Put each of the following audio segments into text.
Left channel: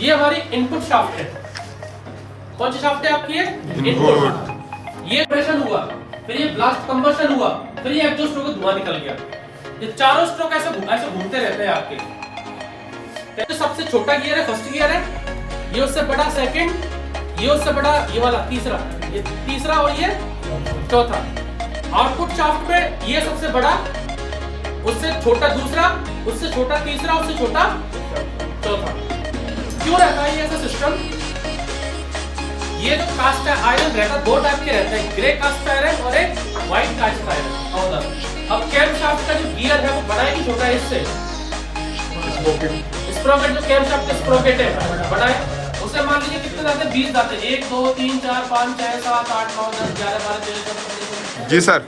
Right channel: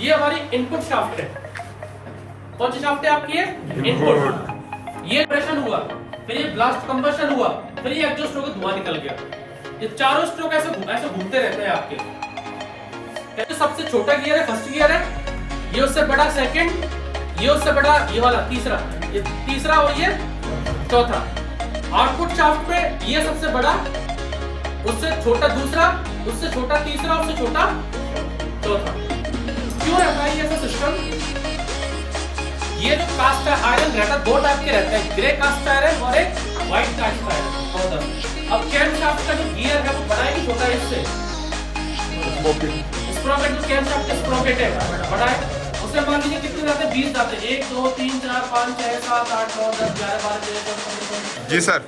ये हमारी input shaft है। कौन सी शाफ्ट है आपकी? इनपुट। ये प्रेशर हुआ, फिर ये ब्लास्ट कंबशन हुआ, फिर ये एग्जॉस्ट होकर धुआं निकल गया। ये चारों स्ट्रोक ऐसे घूमते रहते हैं आपके। कहते सबसे छोटा गियर है फर्स्ट गियर है, ये उससे बड़ा सेकंड, ये उससे बड़ा ये वाला तीसरा, ये तीसरा और ये चौथा। आउटपुट शाफ्ट में ये सबसे बड़ा, उससे छोटा दूसरा, उससे छोटा तीसरा, उससे छोटा चौथा। क्यों रहता है ये ऐसा सिस्टम? ये जो कास्ट आयरन रहता है, दो टाइप के रहते हैं, ग्रे कास्ट आयरन और एक व्हाइट कास्ट आयरन। अब कैम शाफ्ट का जो गियर है वो बड़ा है कि छोटा है? इससे स्प्रोकेट, जो कैम शाफ्ट का स्प्रोकेट है बड़ा है, उसे मान लीजिए कितने जाते हैं? 20 जाते हैं। 1 2 3 4 5 6 7 8 9 10 11 12 13 14। जी सर।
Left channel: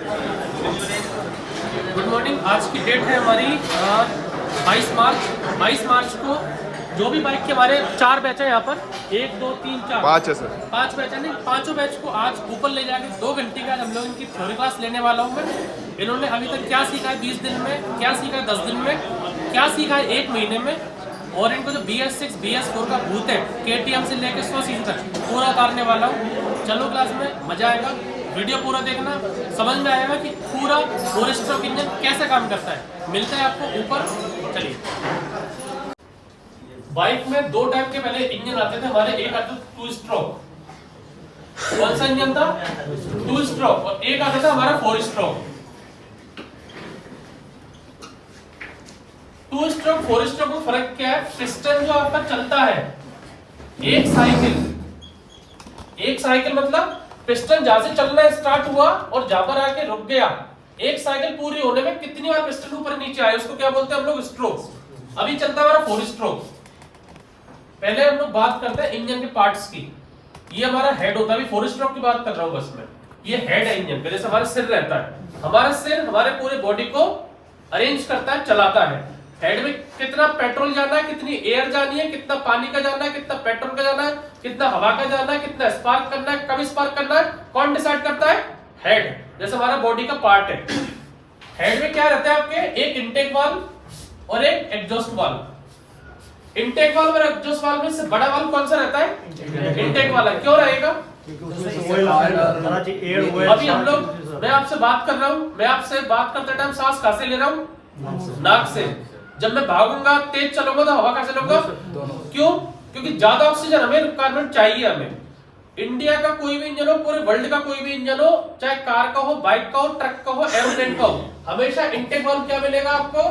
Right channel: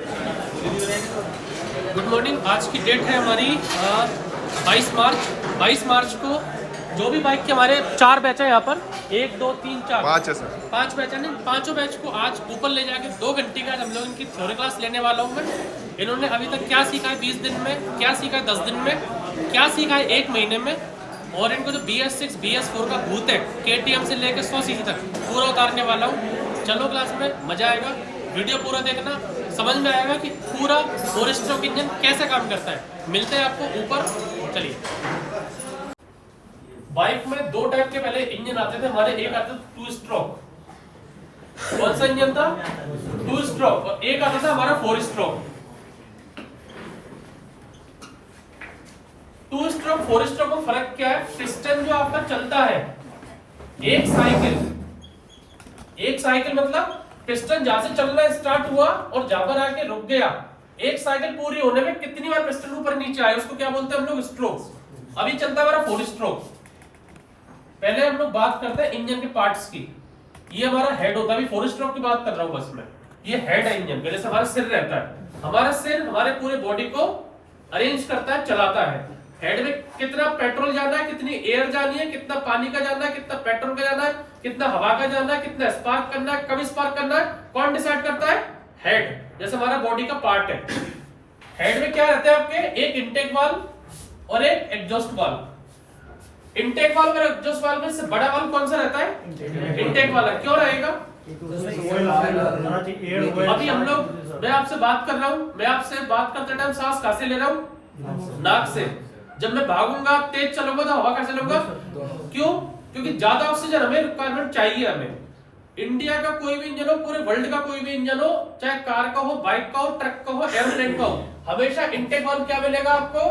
Good morning. आज की डेट है हमारी 22 मार्च। 22 मार्च को जो भी बाइक के हमारे 4 बैच है यहाँ पर, 1 2 3 4 5 है सर। 5 बैच है। नहीं, पांचों बैच को आज ऊपर ले जाके 2 घंटे का हम लोग इनकी थ्योरी क्लास लेने वाला हूँ मैं। इन्होंने अभी तक क्या सीखा है 20 दिन में, क्या सीखा है 10 दिन में, क्या सीखा है 1 महीने में, और इनको जो BS6 BS4 का भूत है KTM से लेकर 100 सीसी तक पूरा उतारने वाला हूँ। चलो क्लास में, मजा आएगा। वीडियो पूरा देखना, समझ में आएगा कि पूरा 4 स्ट्रोक इंजन कैसे काम करता है। मिलते हैं आपको ऊपर। चलिए, बाइक में 2 टाइप के पहले इंजन आते थे हमारे। एक आता था 2 स्ट्रोक। कौन सा इंजन था? 2 स्ट्रोक। और एक आता था हमारा 4 स्ट्रोक। 2 स्ट्रोक 4 स्ट्रोक में फर्क क्या है? पिस्टन जो आपका चलता है, एक साइकिल मतलब पिस्टन जहां से चलना स्टार्ट हुआ और जहां पर आके रुक गया, एक साइकिल पूरी होने में कितनी बार पिस्टन ऊपर नीचे आए, उसको क्या बोलते हैं हम लोग? स्ट्रोक। अभी चलता है हमारा 4 स्ट्रोक। पहले हम लोग बात करते हैं इंजन के पार्ट्स की। ये हमारा हेड होता है, अभी 4 स्ट्रोक की बात कर रहा हूं बस मैं। ये हेड है इंजन का, जैसे हमारा सिर रहता है। हमारा सिर हमारे पूरे बॉडी को अरेंज करता है, चलाता है। हेड में कितना पेट्रोल जाना है, कितनी एयर जानी है, कितना पानी का जाना है, कितना पेट्रोल का जाना है, कितना हवा का जाना है, कितना स्पार्क करना है, कब स्पार्क करना है, कौन डिसाइड करता है? हेड। जैसे हमारा बॉडी का पार्ट है। हेड में क्या रहता है आपके? एक इंटेक वाल्व और एक एग्जॉस्ट वाल्व। इंटेक वाल्व और एग्जॉस्ट वाल्व में से बड़ा वाल्व कौन सा रहता है? इंटेक वाला। क्यों रहेगा? अभी हम लोग, मैं आपसे बात कर रहा हूं, मैं आपसे बात करते टाइम सांस कहां से ले रहा हूं? नाक से। जब मैं भागूंगा, तेज चलूंगा तो हवा कैसे लूंगा? क्यों? क्योंकि ज्यादा ऑक्सीजन हमें रिक्वायरमेंट चाहिए। हमें इंडिया का कोई भी इंजन हो, पूरे वर्ल्ड का कोई भी इंजन हो, चाहे कार का हो, बाइक का हो, ट्रक का हो, एरोप्लेन का हो, हमेशा इंटेक वाल्व क्या मिलेगा आपको?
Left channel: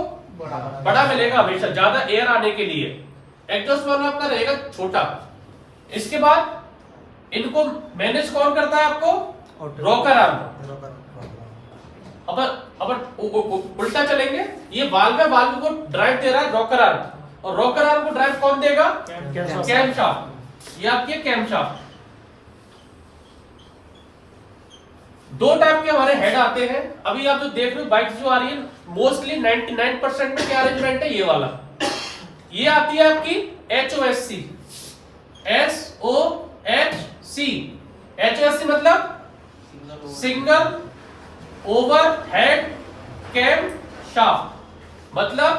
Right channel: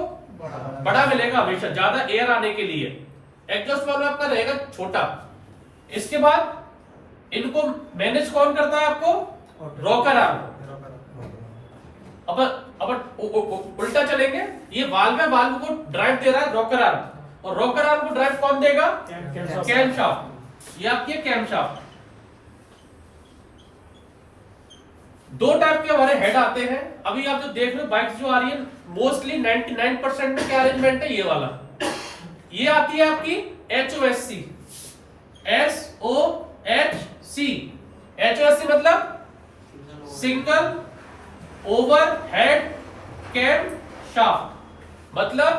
बड़ा मिलेगा हमेशा, ज्यादा एयर आने के लिए। एग्जॉस्ट वाल्व आपका रहेगा छोटा। इसके बाद इनको मैनेज कौन करता है आपको? Rocker arm. अपन उल्टा चलेंगे। ये वाल्व है, वाल्व को ड्राइव दे रहा है रॉकर आर्म, और रॉकर आर्म को ड्राइव कौन देगा? Cam shaft. ये आपकी कैम शाफ्ट। 2 टाइप के हमारे हेड आते हैं। अभी आप जो देख रहे हो बाइक जो आ रही है, मोस्टली 99% में क्या अरेंजमेंट है? ये वाला। ये आती है आपकी HOSC। SOHC। HOSC मतलब single overhead cam shaft. मतलब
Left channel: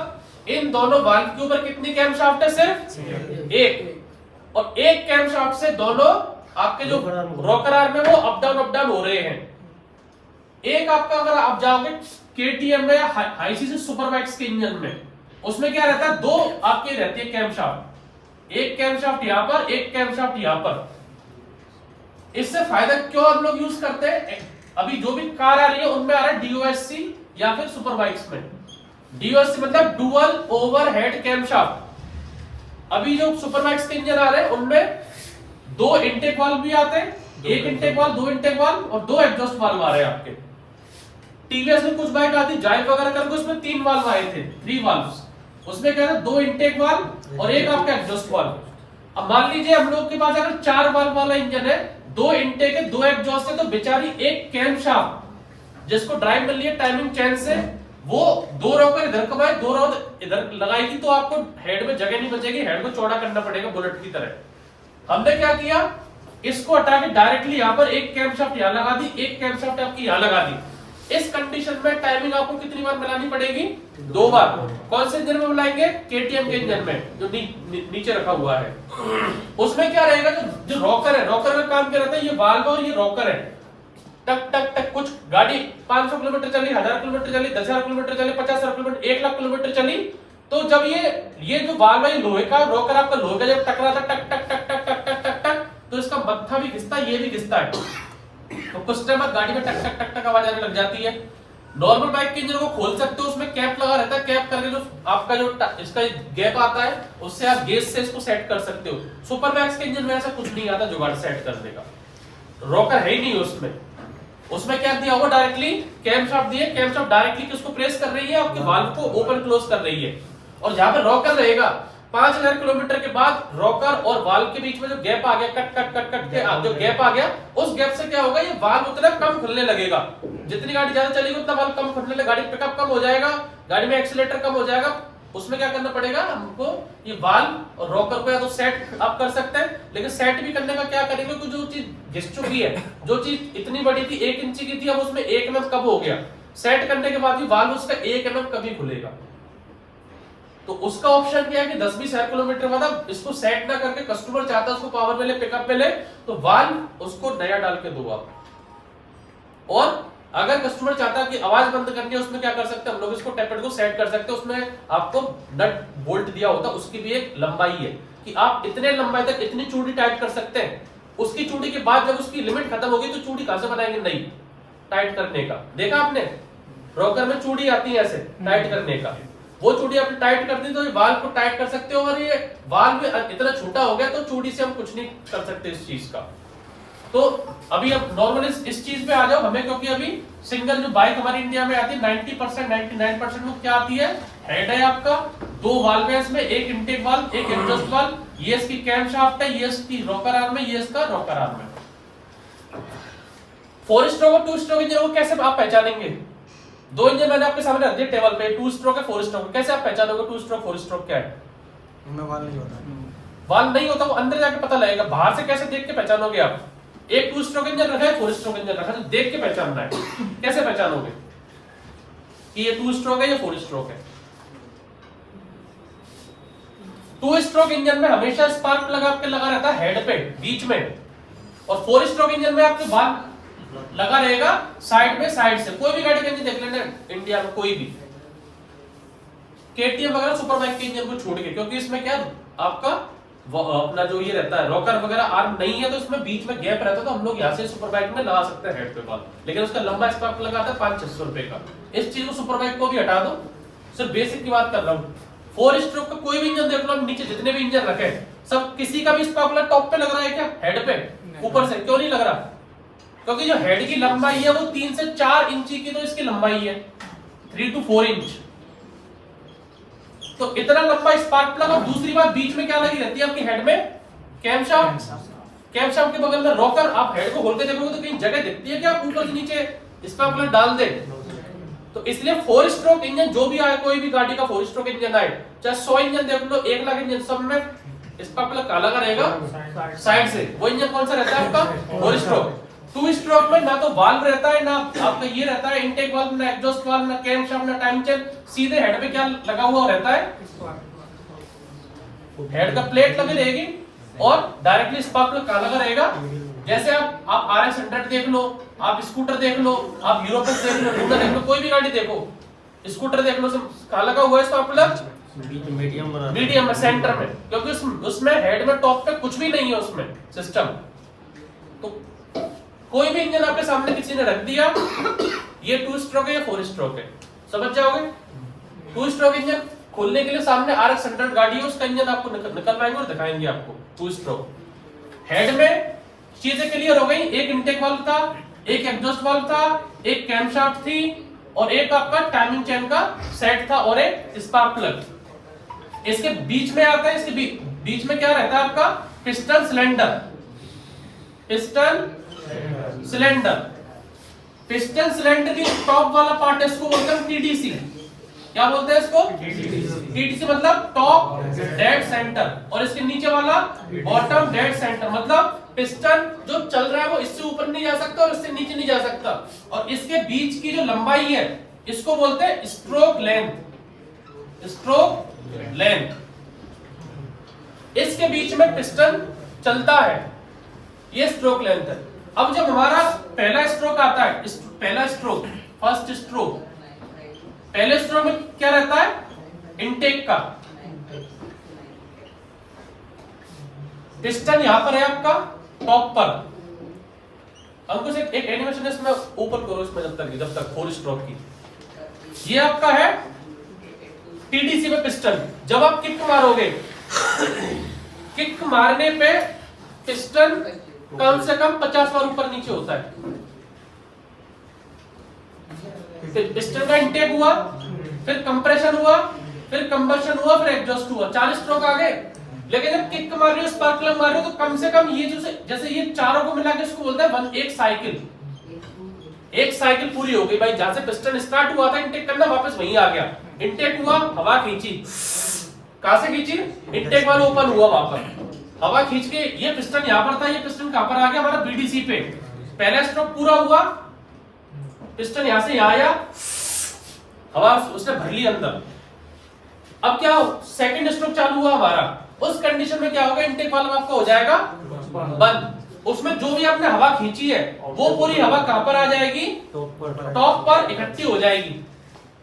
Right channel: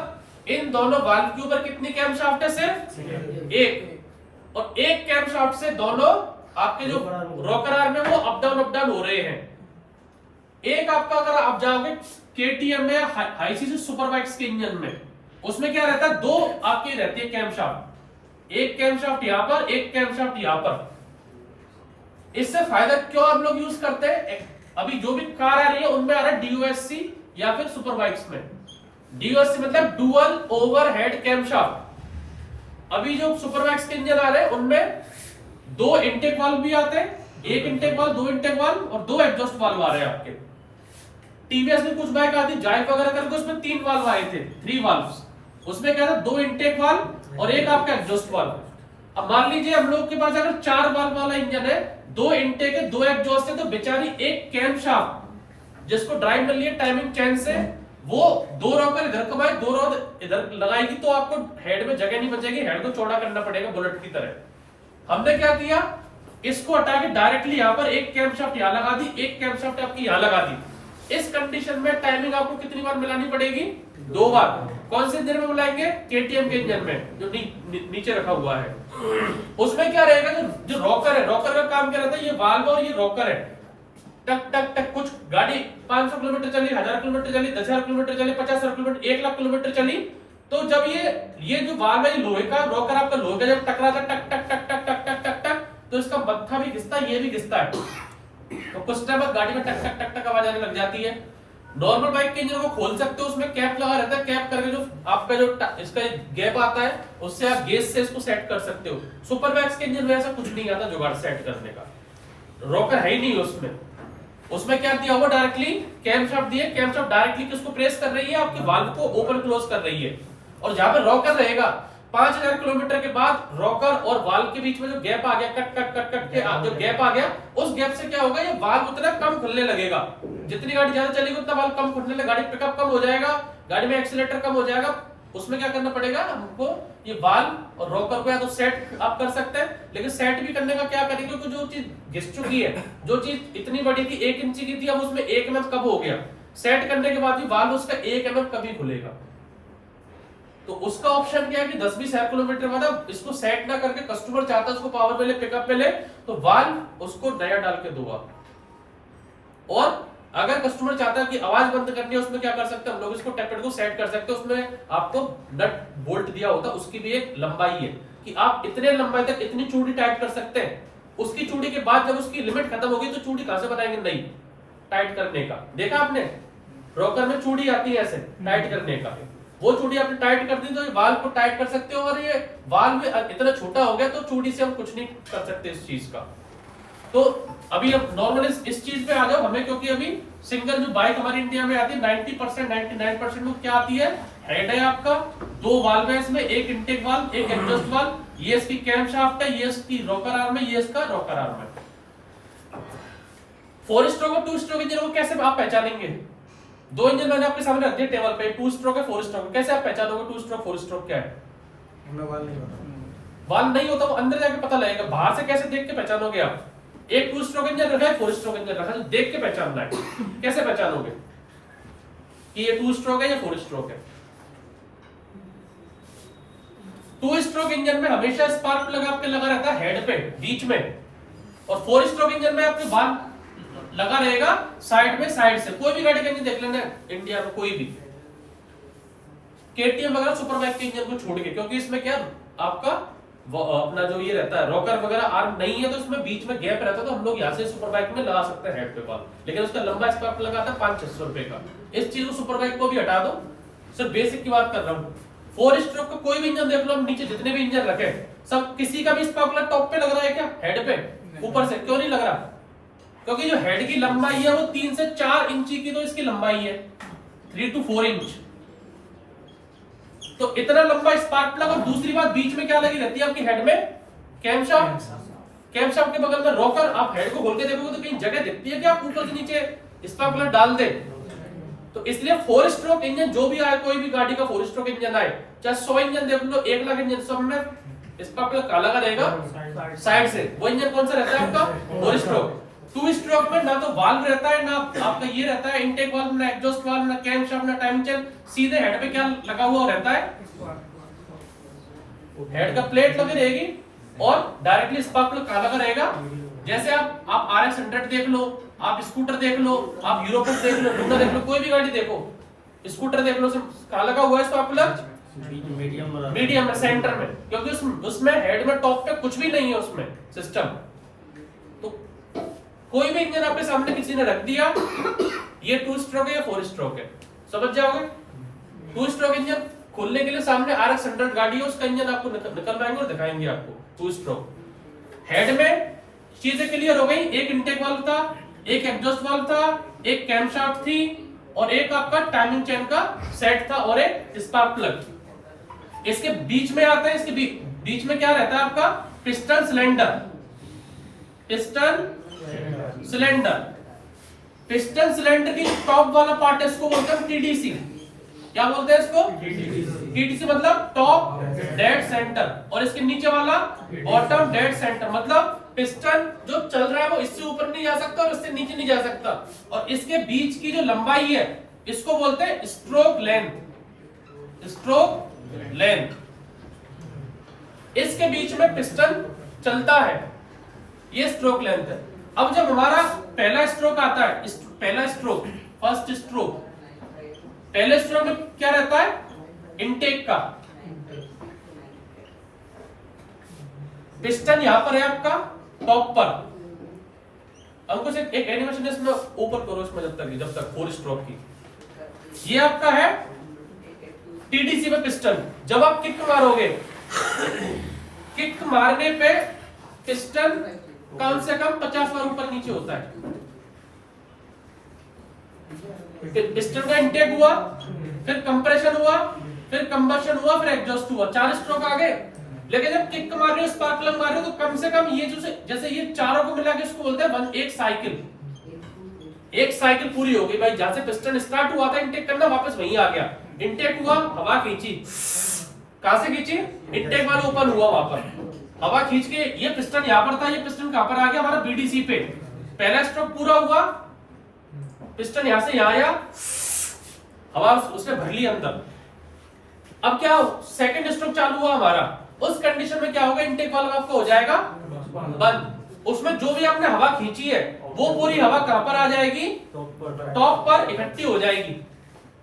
इन दोनों वाल्व के ऊपर कितनी कैम शाफ्ट है? सिर्फ एक। और एक कैम शाफ्ट से दोनों आपके जो रॉकर आर्म है वो अप डाउन हो रहे हैं। एक आपका, अगर आप जाओगे KTM में या हाई सीसी सुपर बाइक्स के इंजन में, उसमें क्या रहता है? 2 आपके रहती है कैम शाफ्ट। एक कैम शाफ्ट यहां पर, एक कैम शाफ्ट यहां पर। इससे फायदा क्यों हम लोग यूज करते हैं? अभी जो भी कार आ रही है उनमें आ रहा है DOSC या फिर सुपर बाइक्स में DOSC मतलब डुअल ओवरहेड कैम शाफ्ट। अभी जो सुपर बाइक्स के इंजन आ रहे हैं उनमें 2 इंटेक वाल्व भी आते हैं, एक इंटेक वाल्व, 2 इंटेक वाल्व और 2 एग्जॉस्ट वाल्व आ रहे हैं आपके। TVS में कुछ बाइक आती जाइव वगैरह करके, उसमें 3 वाल्व आए थे, 3 वाल्व्स। उसमें क्या था? 2 इंटेक वाल्व और एक आपका एग्जॉस्ट वाल्व। अब मान लीजिए हम लोग के पास अगर 4 वाल्व वाला इंजन है, 2 इंटेक है, 2 एग्जॉस्ट है, तो बेचारी एक कैम शाफ्ट जिसको ड्राइव मिल रही है टाइमिंग चेन से, वो 2 रॉकर इधर कमाए, 2 रॉकर इधर लगाएगी, तो आपको हेड में जगह नहीं बचेगी, हेड को चौड़ा करना पड़ेगा बुलेट की तरह। हमने क्या किया? इसको हटा के डायरेक्टली यहां पर एक कैम शाफ्ट यहां लगा दी, एक कैम शाफ्ट आपकी यहां लगा दी। इस कंडीशन में टाइमिंग आपको कितनी बार मिलानी पड़ेगी? 2 बार। कौन से इंजन में मिलाएंगे? केटीएम के इंजन में, जो नीचे रखा हुआ है। उसमें क्या रहेगा, जो रॉकर है, रॉकर का काम क्या रहता है, ये वाल्व और ये रॉकर है। टक टक टक, कुछ गाड़ी 500 किलोमीटर चली, 1000 किलोमीटर चली, 10,000 किलोमीटर चली, 50,000 किलोमीटर, 1 लाख किलोमीटर चली, तो जब ये जो वाल्व है लोहे का, रॉकर आपका लोहे का, जब टकराता टक टक टक टक टक टक टक टक, तो इसका मत्था भी घिसता है, ये भी घिसता है, तो कुछ टाइम बाद गाड़ी में टक टक टक टक आवाज आने लग जाती है। नॉर्मल बाइक के इंजन को खोल सकते हो, उसमें कैप लगा रहता है, कैप करके जो आपका जो इसका गैप आता है, उससे आप गेज से इसको सेट कर सकते हो। सुपर मैक्स के इंजन में ऐसा कुछ नहीं आता जुगाड़ सेट करने का, रॉकर है ही नहीं उसमें। उसमें क्या दिया हुआ, डायरेक्टली कैम शाफ्ट दिए, कैम शाफ्ट डायरेक्टली किसको प्रेस कर रही है, आपके वाल्व को ओपन क्लोज कर रही है। और जहां पे रॉकर रहेगा, 5000 किलोमीटर के बाद रॉकर और वाल्व के बीच में जो गैप आ गया, कट कट कट कट के जो गैप आ गया, उस गैप से क्या होगा, ये वाल्व उतना कम खुलने लगेगा। जितनी गाड़ी ज्यादा चलेगी उतना वाल्व कम खुलने लगेगा, गाड़ी पिकअप कम हो जाएगा, गाड़ी में एक्सीलरेटर कम हो जाएगा। उसमें क्या करना पड़ेगा हमको, ये वाल्व और रॉकर को या तो सेट आप कर सकते हैं, लेकिन सेट भी करने का क्या करेंगे, क्योंकि जो चीज घिस चुकी है, जो चीज इतनी बड़ी थी 1 इंच की थी, अब उसमें 1 mm कम हो गया, सेट करने के बाद भी वाल्व उसका 1 mm कभी खुलेगा। तो उसका ऑप्शन क्या है कि 10-20,000 किलोमीटर बाद इसको सेट ना करके कस्टमर चाहता है उसको पावर मिले, पिकअप मिले, तो वाल्व उसको नया डाल के दो आप। और अगर कस्टमर चाहता है कि आवाज बंद करनी है, उसमें क्या कर सकते हैं हम लोग, इसको टेपेड को सेट कर सकते हैं। उसमें आपको नट बोल्ट दिया होता है, उसकी भी एक लंबाई है कि आप इतने लंबाई तक इतनी चूड़ी टाइट कर सकते हैं। उसकी चूड़ी के बाद जब उसकी लिमिट खत्म होगी तो चूड़ी कहां से बनाएंगे, नहीं टाइट करने का। देखा आपने, रॉकर में चूड़ी आती है ऐसे टाइट करने का, वो चूड़ी आपने टाइट कर दी तो वाल्व को टाइट कर सकते हो। अगर ये वाल्व इतना छोटा हो गया तो चूड़ी से हम कुछ नहीं कर सकते इस चीज का। तो अभी अब नॉर्मल इस चीज पे आ जाओ हमें, क्योंकि अभी सिंगल जो बाइक हमारी इंडिया में आती है 90% 99% में क्या आती है, हेड है आपका, 2 वाल्व है इसमें, एक इनटेक वाल्व, एक एग्जॉस्ट वाल्व, ये इसकी कैम शाफ्ट है, ये इसकी रॉकर आर्म है, ये इसका रॉकर आर्म है। 4 स्ट्रोक और 2 स्ट्रोक इंजन को कैसे आप पहचानेंगे? 2 इंजन मैंने आपके सामने रख दिए टेबल पे, 2 स्ट्रोक है 4 स्ट्रोक, कैसे आप पहचानोगे 2 स्ट्रोक 4 स्ट्रोक क्या है? इनमें वाल्व नहीं होता, वाल्व नहीं होता, वो अंदर जाके पता लगेगा। बाहर से कैसे देख के पहचानोगे आप? एक 2 स्ट्रोक इंजन रखा है, 4 स्ट्रोक इंजन रखा है, तो देख के पहचानना है। कैसे पहचानोगे कि ये 2 स्ट्रोक है या 4 स्ट्रोक है? 2 स्ट्रोक इंजन में हमेशा स्पार्क प्लग आपके लगा रहता है हेड पे बीच में, और 4 स्ट्रोक इंजन में आपके वाल्व लगा रहेगा साइड में, साइड से। कोई भी गाड़ी का इंजन देख लेना इंडिया में, कोई भी केटीएम वगैरह सुपर बाइक के इंजन को छोड़ के, क्योंकि इसमें क्या आपका अपना जो ये रहता है रॉकर वगैरह आर्म नहीं है, तो इसमें बीच में गैप रहता है, तो हम लोग यहाँ से सुपर बाइक में लगा सकते हैं हेड पे वाल्व, लेकिन उसका लंबा स्पार्क प्लग आता है 500-600 रुपए का। इस चीज को सुपर बाइक को भी हटा दो, सिर्फ बेसिक की बात कर रहा हूँ। 4 स्ट्रोक का कोई भी इंजन देख लो, नीचे जितने भी इंजन रखे सब, किसी का भी स्पार्क प्लग टॉप पे लग रहा है क्या? हेड पे ऊपर से क्यों नहीं लग रहा? क्योंकि जो हेड की लंबाई है वो 3 से 4 इंची की, तो इसकी लंबाई है 3 to 4 इंच, तो इतना लंबा स्पार्क प्लग। और दूसरी बात, बीच में क्या लगी रहती है आपकी हेड में? Cam shaft. कैम शाफ्ट के बगल में रॉकर। आप हेड को खोल के देखोगे तो कहीं जगह दिखती है कि आप ऊपर से नीचे स्पार्क प्लग डाल दे? तो इसलिए 4 स्ट्रोक इंजन जो भी आए, कोई भी गाड़ी का 4 स्ट्रोक इंजन आए, चाहे 100 इंजन देख लो, 1 लाख इंजन, सब में स्पार्क प्लग काला का रहेगा साइड से। वो इंजन कौन सा रहता है आपका? 4 स्ट्रोक। 2 स्ट्रोक में ना तो वाल्व रहता है, ना आपका ये रहता है इनटेक वाल्व, ना एग्जॉस्ट वाल्व, ना कैम शाफ्ट, ना टाइम चेन। सीधे हेड पे क्या लगा हुआ रहता है? हेड का प्लेट लगी रहेगी और डायरेक्टली स्पार्क प्लग काला का रहेगा। जैसे आप RX 100 देख लो, आप स्कूटर देख लो, आप यूरोपस देख लो, लूना देख लो, कोई भी गाड़ी देखो, स्कूटर देख लो, सब काला का हुआ है स्पार्क प्लग मीडियम में, सेंटर में, क्योंकि उसमें हेड में टॉप पे कुछ भी नहीं है उसमें सिस्टम। तो कोई भी इंजन आपके सामने किसी ने रख दिया, ये 2 स्ट्रोक है या 4 स्ट्रोक है, समझ जाओगे। 2 स्ट्रोक इंजन खोलने के लिए सामने RX 100 गाड़ी है, उसका इंजन आपको निकलवाएंगे और दिखाएंगे आपको 2 स्ट्रोक। हेड में चीजें क्लियर हो गई, एक इनटेक वाल्व था, एक एग्जॉस्ट वाल्व था, एक कैम शाफ्ट थी, और एक आपका टाइमिंग चेन का सेट था, और एक स्पार्क प्लग। इसके बीच में आता है, इसके बीच में क्या रहता है आपका? Piston cylinder. Piston cylinder, piston cylinder की टॉप वाला पार्ट है, इसको बोलते हैं TDC। क्या बोलते हैं इसको? TDC मतलब टॉप डेड सेंटर, और इसके नीचे वाला बॉटम डेड सेंटर। मतलब पिस्टन जो चल रहा है वो इससे ऊपर नहीं जा सकता और इससे नीचे नहीं जा सकता, और इसके बीच की जो लंबाई है इसको बोलते हैं स्ट्रोक लेंथ। स्ट्रोक लेंथ, इसके बीच में पिस्टन चलता है, ये स्ट्रोक लेंथ है। अब जब हमारा पहला स्ट्रोक आता है, पहला स्ट्रोक, फर्स्ट स्ट्रोक, पहले स्ट्रोक में क्या रहता है, इनटेक का पिस्टन यहां पर है आपका टॉप पर। अंकुश एक एनिमेशन है इसमें ऊपर करो, इसमें जब तक 4 स्ट्रोक की, ये आपका है टीडीसी में पिस्टन। जब आप किक मारोगे, किक मारने पे पिस्टन कम से कम 50 बार ऊपर नीचे होता है। पिस्टन का इंटेक हुआ, फिर कंप्रेशन हुआ, फिर कंबशन हुआ, फिर एग्जॉस्ट हुआ, 4 स्ट्रोक आ गए। लेकिन जब किक मार रहे हो, स्पार्क प्लग मार रहे हो, तो कम से कम ये जैसे ये चारों को मिला के इसको बोलते हैं एक साइकिल। एक साइकिल पूरी हो गई भाई, जहां से पिस्टन स्टार्ट हुआ था इंटेक करना, वापस वहीं आ गया। इंटेक हुआ, हवा खींची, कहां से खींची, इंटेक वाला ओपन हुआ, वहां पर हवा खींच के ये पिस्टन यहां पर था, ये पिस्टन कहां पर आ गया, हमारा बीडीसी पे। पहला स्ट्रोक पूरा हुआ, पिस्टन यहां से यहां आया, हवा उसने भर ली अंदर। अब क्या, सेकंड स्ट्रोक चालू हुआ हमारा, उस कंडीशन में क्या होगा, इनटेक वाल्व आपका हो जाएगा बंद। उसमें जो भी आपने हवा खींची है वो पूरी हवा कहां पर आ जाएगी, टॉप पर इकट्ठी हो जाएगी।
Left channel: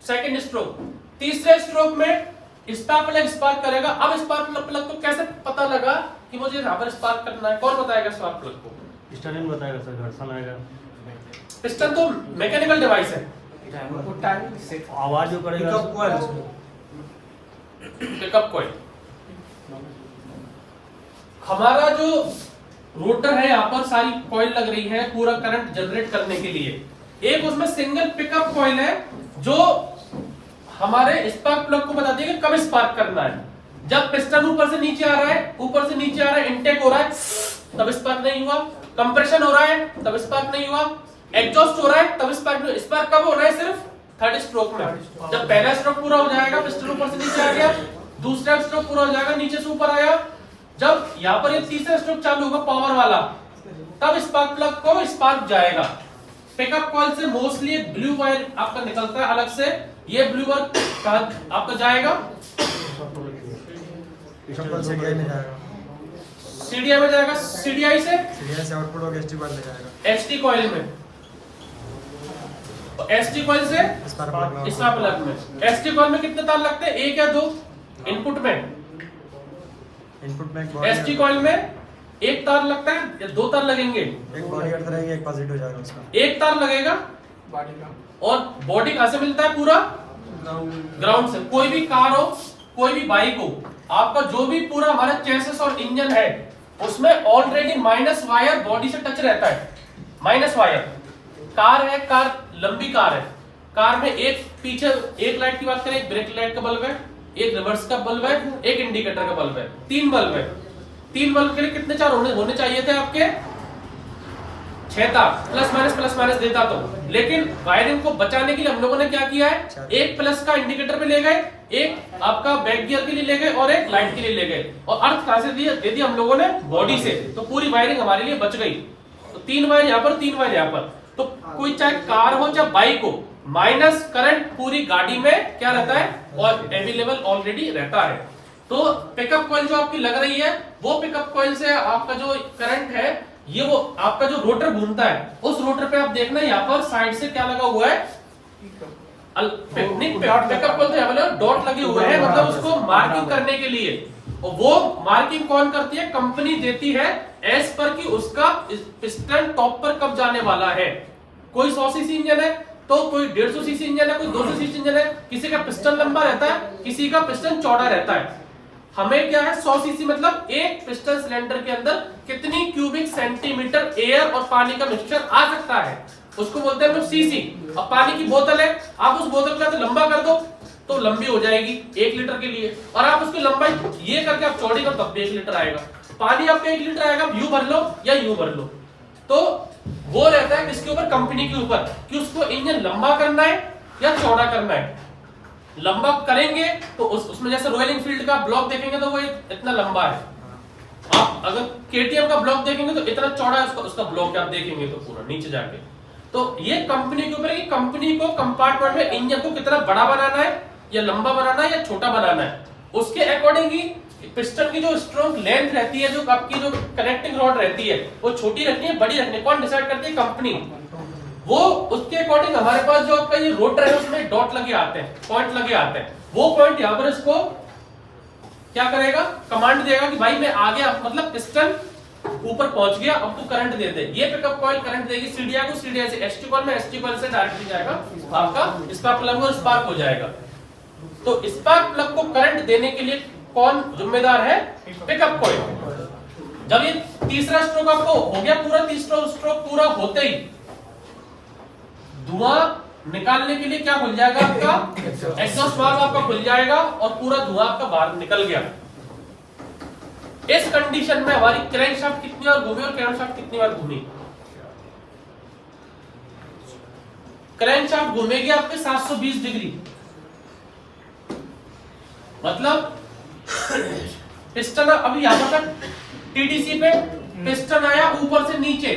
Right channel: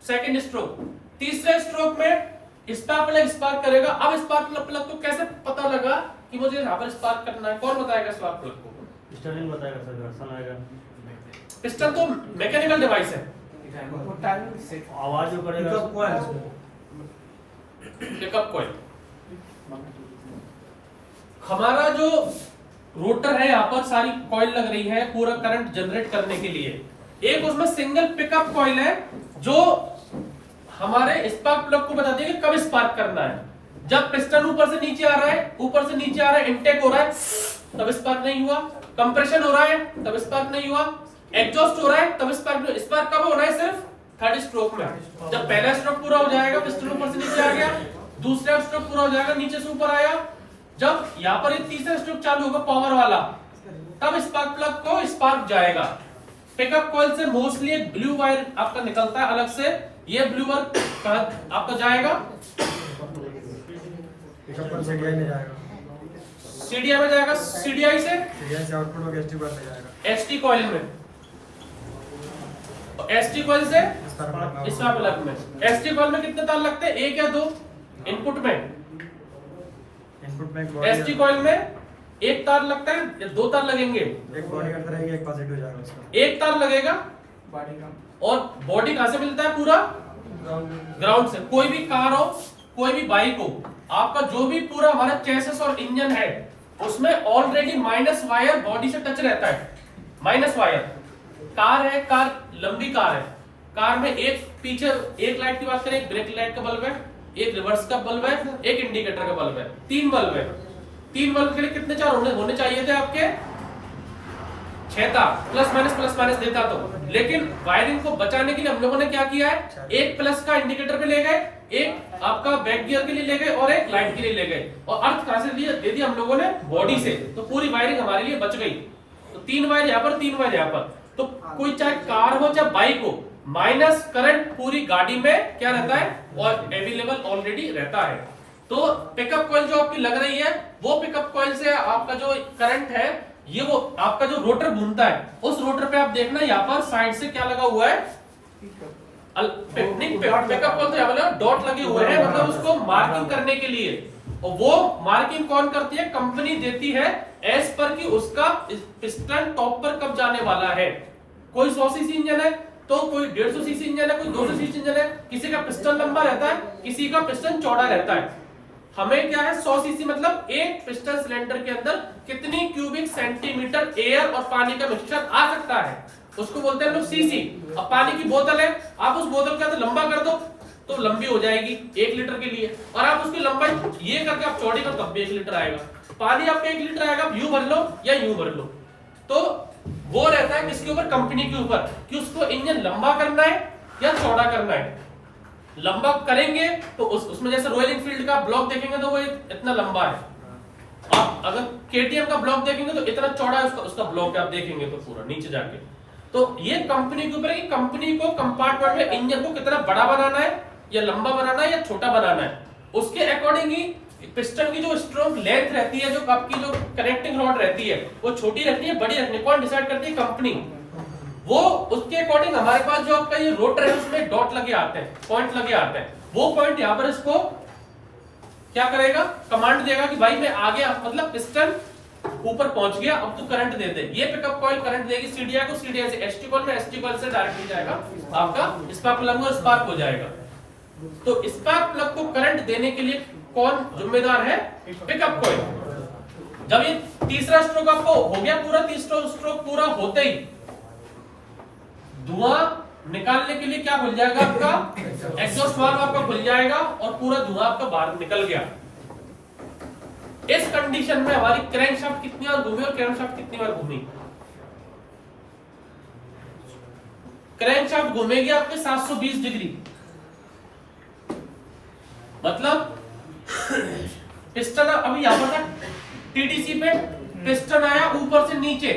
Second stroke. तीसरे स्ट्रोक में स्पार्क प्लग स्पार्क करेगा। अब स्पार्क प्लग को कैसे पता लगा कि मुझे यहां पर स्पार्क करना है, कौन बताएगा स्पार्क प्लग को? पिस्टन बताएगा सर, घर्षण आएगा। पिस्टन तो मैकेनिकल डिवाइस है, आवाज जो करेगा, पिकअप कॉइल। हमारा जो रोटर है, यहाँ पर सारी कॉइल लग रही है पूरा करंट जनरेट करने के लिए। एक उसमें सिंगल पिकअप कॉइल है जो हमारे स्पार्क प्लग को बताती है कि कब स्पार्क करना है। जब पिस्टन ऊपर से नीचे आ रहा है, ऊपर से नीचे आ रहा है, इनटेक हो रहा है, तब स्पार्क नहीं हुआ। कंप्रेशन हो रहा है, तब स्पार्क नहीं हुआ। एग्जॉस्ट हो रहा है, तब स्पार्क। स्पार्क कब हो रहा है, सिर्फ थर्ड स्ट्रोक में। जब पहला स्ट्रोक पूरा हो जाएगा, पिस्टन ऊपर से नीचे आ गया, दूसरा स्ट्रोक पूरा हो जाएगा, नीचे से ऊपर आया, जब यहाँ पर ये तीसरा स्ट्रोक चालू होगा पावर वाला, तब स्पार्क प्लग को स्पार्क जाएगा। पिकअप कॉइल से मोस्टली एक ब्लू वायर आपका निकलता है अलग से, ये ब्लू वायर कहां आपका जाएगा, सीडीआई में जाएगा, सीडीआई में जाएगा, सीडीआई से आउटपुट होकर एसटी कॉइल में जाएगा, एसटी कॉइल में, एसटी कॉइल से स्पार्क प्लग में। एसटी कॉइल में कितने तार लगते हैं, 1 या 2 इनपुट में? इनपुट में एसटी कॉइल में 1 तार लगता है या 2 तार लगेंगे? एक बॉडी करता रहेगा, एक पॉजिटिव जाएगा उसका, 1 तार लगेगा। और बॉडी कहां से मिलता है, पूरा ग्राउंड से। कोई भी कार हो, कोई भी बाइक हो, आपका जो भी पूरा हमारा चेसिस और इंजन है, उसमें ऑलरेडी माइनस वायर बॉडी से टच रहता है, माइनस वायर। कार है, कार लंबी कार है, कार में एक पीछे एक लाइट की बात करें, एक ब्रेक लाइट का बल्ब है, एक रिवर्स का बल्ब है, एक इंडिकेटर का बल्ब है, 3 बल्ब है। 3 बल्ब के लिए कितने चार होने चाहिए थे आपके? 6 तार, प्लस माइनस देता तो। लेकिन वायरिंग को बचाने के लिए हम लोगों ने क्या किया है, एक प्लस का इंडिकेटर पे ले गए, एक आपका बैक गियर के लिए ले गए, और एक लाइट के लिए ले गए। और अर्थ कहां से दे दिया हम लोगों ने, बॉडी से। तो पूरी वायरिंग हमारे लिए बच गई। तो 3 वायर यहाँ पर, 3 वायर यहाँ पर। तो कोई चाहे कार हो चाहे बाइक हो, माइनस करंट पूरी गाड़ी में क्या रहता है, और अवेलेबल ऑलरेडी रहता है। तो पिकअप कॉइल जो आपकी लग रही है, वो पिकअप कॉइल से आपका जो करंट है, ये वो आपका जो रोटर घूमता है, उस रोटर पे आप देखना यहाँ पर साइड से क्या लगा हुआ है, पिकअप कॉइल तो डॉट लगे हुए हैं, मतलब उसको मार्किंग करने के लिए। और वो मार्किंग कौन करती है, कंपनी देती है, एज पर कि उसका पिस्टन टॉप पर कब जाने वाला है। कोई 100 सीसी इंजन है, तो कोई 150 सीसी इंजन है, कोई 200 सीसी इंजन है, किसी का पिस्टन लंबा रहता है, किसी का पिस्टन चौड़ा रहता है। हमें क्या है, 100 सीसी मतलब एक पिस्टन सिलेंडर के अंदर कितनी क्यूबिक सेंटीमीटर एयर और पानी का मिक्सचर आ सकता है, उसको बोलते हैं हम लोग सीसी। अब पानी की बोतल है, आप उस बोतल का तो लंबा कर दो तो लंबी हो जाएगी 1 लीटर के लिए, और आप उसकी लंबाई ये करके आप चौड़ी कर तब भी 1 लीटर आएगा। पानी आपका 1 लीटर आएगा, यूं भर लो या यूं भर लो। तो वो रहता है किसके ऊपर, कंपनी के ऊपर, कि उसको इंजन लंबा करना है या चौड़ा करना है। लंबा करेंगे तो उसमें जैसे रॉयल एनफील्ड का ब्लॉक देखेंगे तो वो इतना लंबा है, आप अब अगर केटीएम का ब्लॉक देखेंगे तो इतना चौड़ा है उसका ब्लॉक, आप देखेंगे तो पूरा नीचे जाके। तो ये कंपनी के ऊपर है कि कंपनी को कंपार्टमेंट में इंजन को कितना बड़ा बनाना है या लंबा बनाना है या छोटा बनाना है, उसके अकॉर्डिंग ही पिस्टन की जो स्ट्रोक लेंथ रहती है, जो आपकी जो कनेक्टिंग रॉड रहती है, वो छोटी रखनी है बड़ी रखनी है, कौन डिसाइड करती है? कंपनी। वो उसके अकॉर्डिंग हमारे पास जो आपका ये रोटर है उसमें डॉट लगे आते हैं, पॉइंट लगे आते हैं। वो पॉइंट यहाँ पर इसको क्या करेगा? कमांड देगा कि भाई मैं आ गया, मतलब पिस्टन ऊपर पहुंच गया, अब तू करंट दे दे। ये पिकअप कॉइल करंट देगी सीडीआई को, सीडीआई से एसटी कॉइल में, एसटी कॉइल से डायरेक्टली जाएगा आपका स्पार्क प्लग में, स्पार्क हो जाएगा। तो स्पार्क प्लग को करंट देने के लिए कौन जिम्मेदार है? Pickup coil. जब ये तीसरा स्ट्रोक आपको हो गया पूरा, तीसरा स्ट्रोक पूरा होते ही धुआं निकालने के लिए क्या खुल जाएगा? आपका एग्जॉस्ट वाल्व आपका खुल जाएगा और पूरा धुआं आपका बाहर निकल गया। इस कंडीशन में हमारी क्रैंकशाफ्ट कितनी बार घूमी और क्रैंकशाफ्ट कितनी बार घूमी? क्रैंकशाफ्ट घूमेगी आपके 720 डिग्री, मतलब पिस्टन अभी यहां पर टीडीसी पे पिस्टन आया ऊपर से नीचे,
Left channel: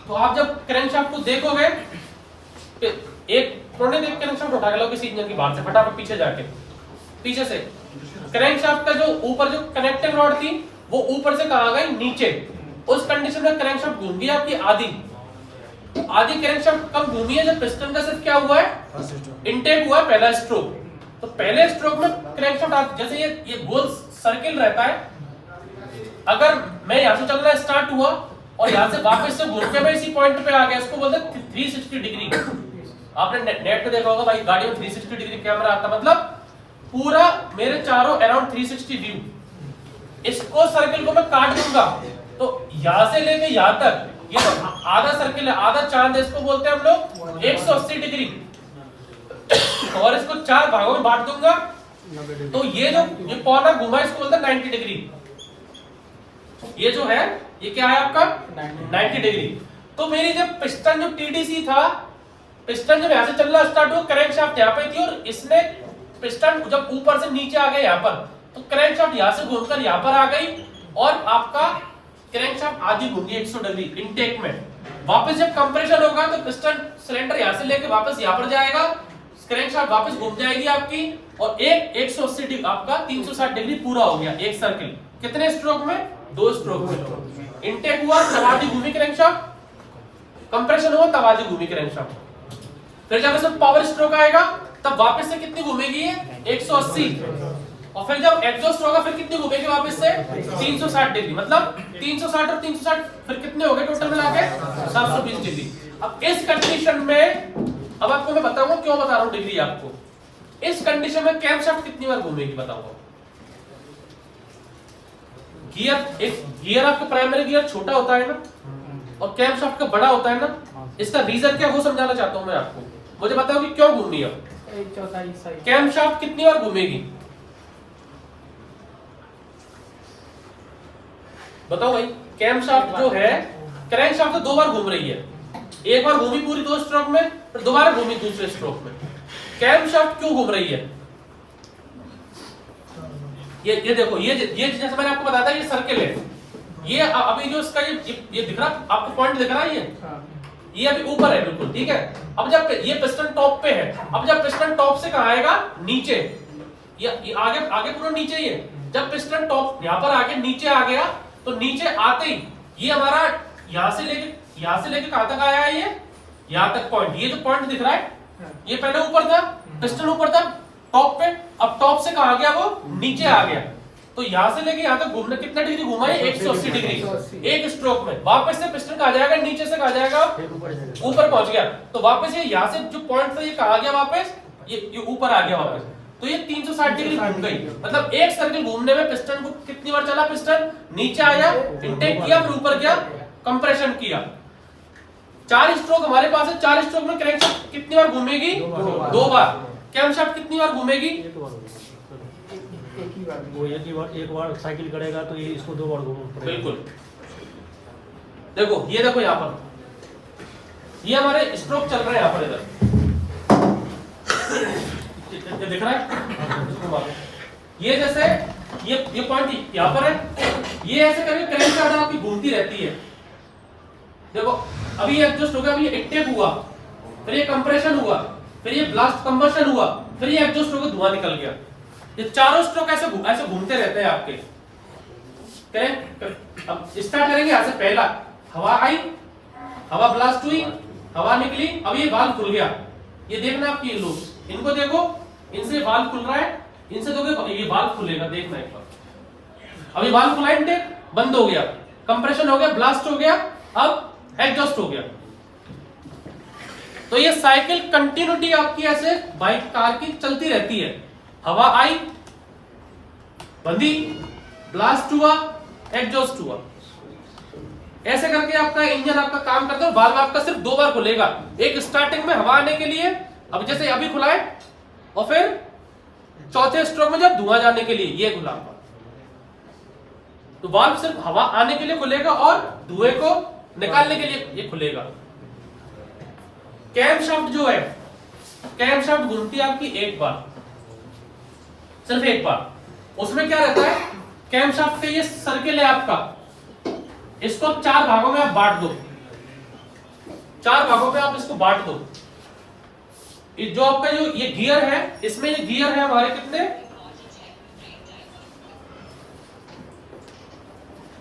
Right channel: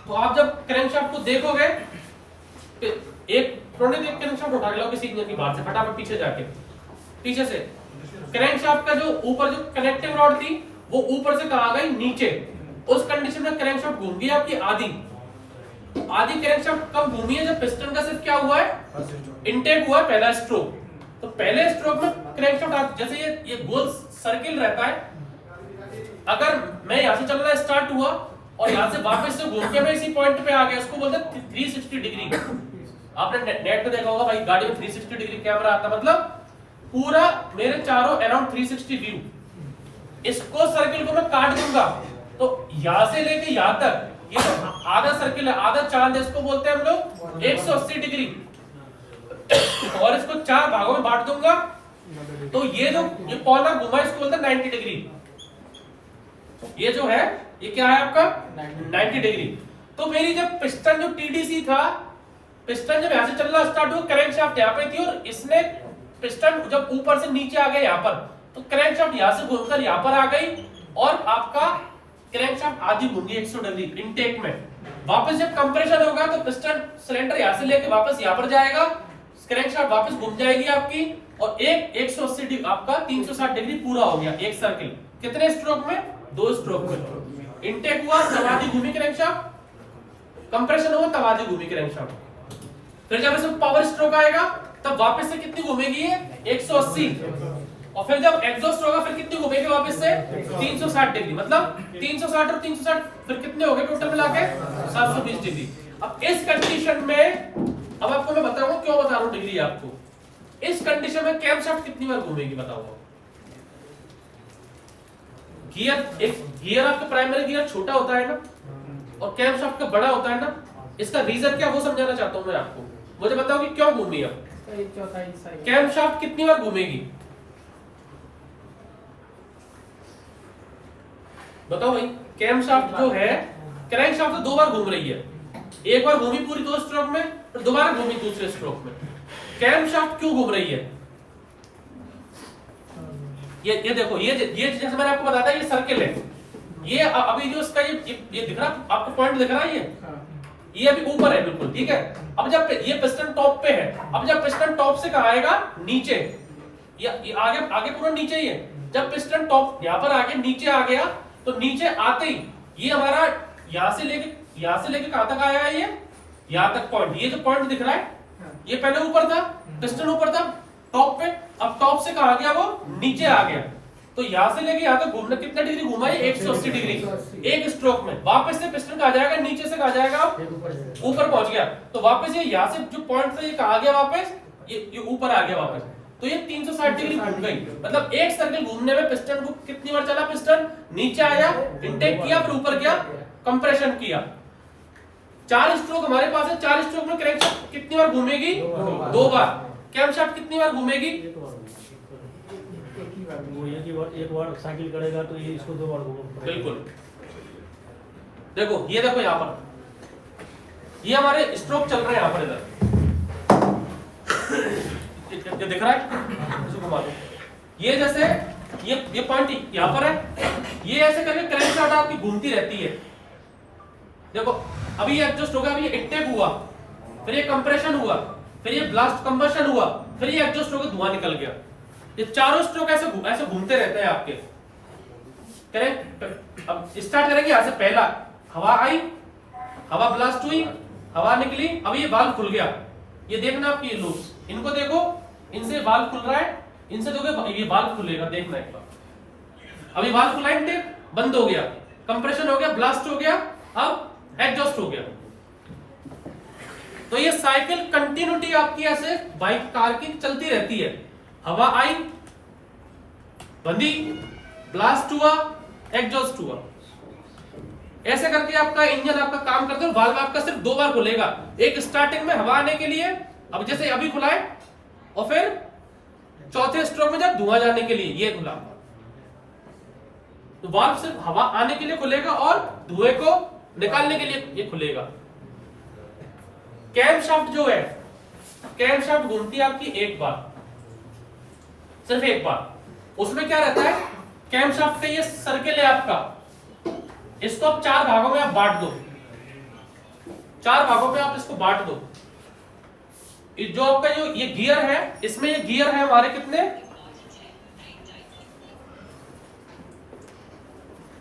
तो आप जब क्रैंकशाफ्ट को देखोगे, एक प्रोने देख क्रैंकशाफ्ट उठा के लो किसी इंजन की बाहर से, फटाफट पीछे जाके, पीछे से क्रैंकशाफ्ट का जो ऊपर जो कनेक्टिंग रॉड थी वो ऊपर से कहां गई? नीचे। उस कंडीशन में क्रैंकशाफ्ट घूम गई आपकी आधी क्रैंकशाफ्ट कब घूमी है? जब पिस्टन का सिर्फ क्या हुआ है? इनटेक हुआ है, पहला स्ट्रोक। तो पहले स्ट्रोक में क्रैंकशाफ्ट जैसे ये गोल सर्किल रहता है, अगर मैं यहां से चलना स्टार्ट हुआ और यहां से वापस से घूम के मैं इसी पॉइंट पे आ गया, इसको बोलते हैं 360 डिग्री। आपने नेट पे देखा होगा भाई, गाड़ी में 360 डिग्री कैमरा आता, मतलब पूरा मेरे चारों अराउंड 360 व्यू। इसको सर्किल को मैं काट दूंगा तो यहां से लेके यहां तक, ये तो आधा सर्किल है, आधा चांद है, इसको बोलते हैं हम लोग 180 डिग्री। और इसको 4 भागों में बांट दूंगा तो ये जो ये कॉर्नर घुमा इसको बोलते हैं 90 डिग्री। ये जो है ये क्या है आपका? 90 डिग्री। तो मेरी जब पिस्टन जो टीडीसी था, पिस्टन जब यहां से चलना स्टार्ट हुआ, क्रैंकशाफ्ट यहां पे थी और इसने पिस्टन जब ऊपर से नीचे आ गया यहां पर, तो क्रैंकशाफ्ट यहां से घूमकर यहां पर आ गई और आपका क्रैंकशाफ्ट आधी घूम गई 100 डिग्री इनटेक में। वापस जब कंप्रेशन होगा तो पिस्टन सिलेंडर यहां से लेकर वापस यहां पर जाएगा, क्रैंकशाफ्ट वापस घूम जाएगी आपकी और 180 डिग्री आपका 360 डिग्री पूरा हो गया एक सर्किल। कितने स्ट्रोक में? 2 स्ट्रोक में। इनटेक हुआ तब आधी घूमी क्रैंकशाफ्ट, कंप्रेशन हुआ तब आधी घूमी क्रैंकशाफ्ट। फिर जब इसमें पावर स्ट्रोक आएगा तब वापस से कितनी घूमेगी? 180। और फिर जब एग्जॉस्ट होगा फिर कितनी घूमेगी वापस से? 360 डिग्री। मतलब 360 और 360 फिर कितने हो गए टोटल मिला के? 720 डिग्री। अब इस कंडीशन में, अब आपको मैं बताऊंगा क्यों बता रहा हूं डिग्री आपको। इस कंडीशन में कैमशाफ्ट कितनी बार घूमेगी बताऊंगा। गियर आपका प्राइमरी गियर छोटा होता है ना और कैमशाफ्ट का बड़ा होता है ना, इसका रीजन क्या वो समझाना चाहता हूं मैं आपको। मुझे बताओ कि क्यों घूमी अब कैमशाफ्ट कितनी बार घूमेगी? बताओ भाई। कैमशाफ्ट जो है, क्रैंकशाफ्ट तो 2 बार घूम रही है, एक बार घूमी पूरी 2 स्ट्रोक में, फिर दोबारा घूमी दूसरे स्ट्रोक में। कैमशाफ्ट क्यों घूम रही है? ये देखो, ये जैसे मैंने आपको बताया था ये सर्किल है, ये अभी जो इसका ये दिख रहा आपको पॉइंट दिख रहा है, ये अभी ऊपर है बिल्कुल, ठीक है। अब जब ये पिस्टन टॉप पे है, अब जब पिस्टन टॉप से कहां आएगा? नीचे। ये आगे पूरा नीचे ही है। जब पिस्टन टॉप यहां पर आके नीचे आ गया तो नीचे आते ही ये हमारा यहां से लेके कहां तक आया? ये यहां तक पॉइंट, ये जो पॉइंट दिख रहा है ये पहले ऊपर था, पिस्टन ऊपर था टॉप पे, अब टॉप से कहां गया? वो नीचे आ गया। तो यहां से लेके यहां तक घूमने कितना डिग्री घुमा है? 180 डिग्री एक स्ट्रोक में। वापस से पिस्टन कहां जाएगा? नीचे से कहां जाएगा? ऊपर पहुंच गया। तो वापस ये यहां से जो पॉइंट था ये कहां गया? वापस ये ऊपर आ गया वापस। तो ये 360 डिग्री घूम गई। मतलब एक सर्किल घूमने में पिस्टन को कितनी बार चला? पिस्टन नीचे आया, इनटेक किया, फिर ऊपर गया, कंप्रेशन किया। 4 स्ट्रोक हमारे पास है। 4 स्ट्रोक में क्रैंकशाफ्ट कितनी बार घूमेगी? 2 बार। कैमशाफ्ट कितनी बार घूमेगी? एक बार साइकिल करेगा तो ये इसको 2 बार घूमेगा। बिल्कुल। देखो, ये देखो यहाँ पर ये हमारे स्ट्रोक चल रहे हैं यहाँ पर, इधर दिख रहा है। ये जैसे ये पॉइंट यहाँ पर है, ये ऐसे करके क्रैंकशाफ्ट आपकी घूमती रहती है। देखो अभी ये एडजस्ट हो गया, अभी ये इनटेक हुआ, फिर ये कंप्रेशन हुआ, फिर ये ब्लास्ट कंबशन हुआ, फिर ये एडजस्ट हो गया, धुआं निकल गया। ये चारों स्ट्रोक ऐसे घूमते रहते हैं आपके। करें अब स्टार्ट करेंगे यहां से। पहला हवा आई, हवा ब्लास्ट हुई, हवा निकली, अब ये वाल्व खुल गया। ये देखना आपकी ये लूप्स, इनको देखो, इनसे वाल्व खुल रहा है, इनसे देखो ये वाल्व खुलेगा, देखना एक बार। अभी वाल्व खुला, इनटेक बंद हो गया, कंप्रेशन हो गया, ब्लास्ट हो गया, अब एग्जॉस्ट हो गया। तो ये साइकिल कंटिन्यूटी आपकी ऐसे बाइक कार की चलती रहती है। हवा आई, बंदी, ब्लास्ट हुआ, एग्जॉस्ट हुआ, ऐसे करके आपका इंजन आपका काम करता है। वाल्व आपका सिर्फ 2 बार खुलेगा, एक स्टार्टिंग में हवा आने के लिए, अब जैसे अभी खुला है, और फिर चौथे स्ट्रोक में जब धुआं जाने के लिए, ये खुला आपका। तो वाल्व सिर्फ हवा आने के लिए खुलेगा और धुएं को निकालने के लिए ये खुलेगा। कैमशाफ्ट जो है, कैमशाफ्ट घूमती है आपकी एक बार, सिर्फ एक बार। उसमें क्या रहता है, कैमशाफ्ट का ये सर्किल है आपका, इसको 4 भागों में आप बांट दो, 4 भागों में आप इसको बांट दो। जो आपका जो ये गियर है, इसमें ये गियर है हमारे कितने,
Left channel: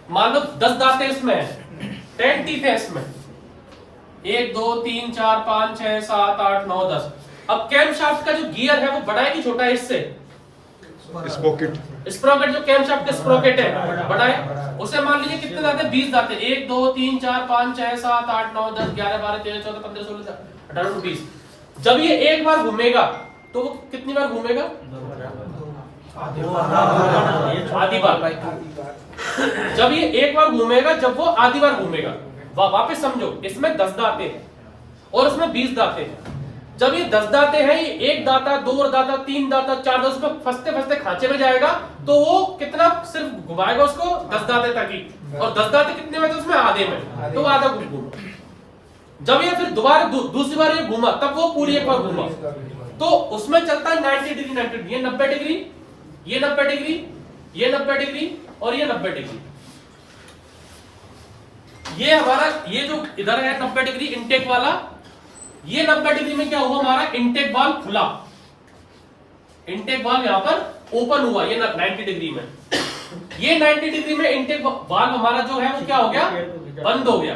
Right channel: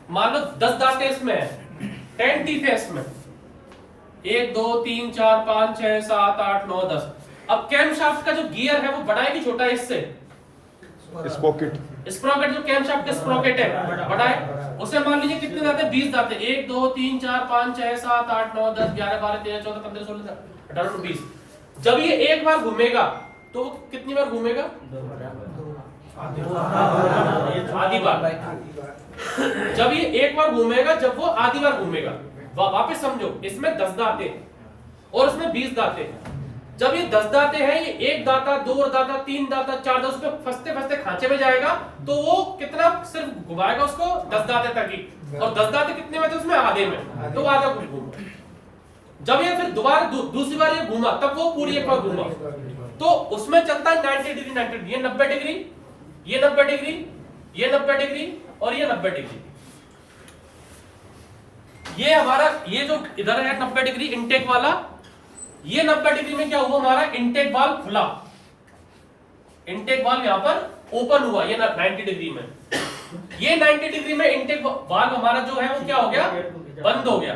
मान लो 10 दांतें इसमें है, 10 टीथ है इसमें, 1 2 3 4 5 6 7 8 9 10। अब कैमशाफ्ट का जो गियर है वो बड़ा है कि छोटा है इससे? स्प्रॉकेट जो कैमशाफ्ट का स्प्रॉकेट है बड़ा है, उसे मान लीजिए कितने दांते, 20 दांते, 1 2 3 4 5 6 7 8 9 10 11 12 13 14 15 16 18 20। जब ये एक बार घूमेगा तो वो कितनी बार घूमेगा? आधी बार। जब ये एक बार घूमेगा, जब वो आधी बार घूमेगा, वापस समझो, इसमें 10 दांते हैं और उसमें 20 दांते हैं। जब ये 10 दांते हैं, ये 1 दांता 2 दांता 3 दांता 4 दांता, उसमें फंसते फंसते खांचे में जाएगा, तो वो कितना सिर्फ घुमाएगा उसको 10 दांते तक ही। और 10 दांते कितने में थे उसमें? आधे में, तो आधा घूमा। जब ये फिर दोबारा दूसरी बार ये घूमा, तब वो पूरी एक बार घूमा, तो उसमें चलता है 90 डिग्री 90 डिग्री, ये 90 डिग्री, ये 90 डिग्री, ये 90 डिग्री और ये 90 डिग्री। ये हमारा ये जो इधर है 90 डिग्री इनटेक वाला, ये 90 डिग्री में क्या हुआ, हमारा इनटेक वाल्व खुला, इनटेक वाल्व यहां पर ओपन हुआ, ये 90 डिग्री में। ये 90 डिग्री में इनटेक वाल्व हमारा जो है वो क्या हो गया, बंद हो गया।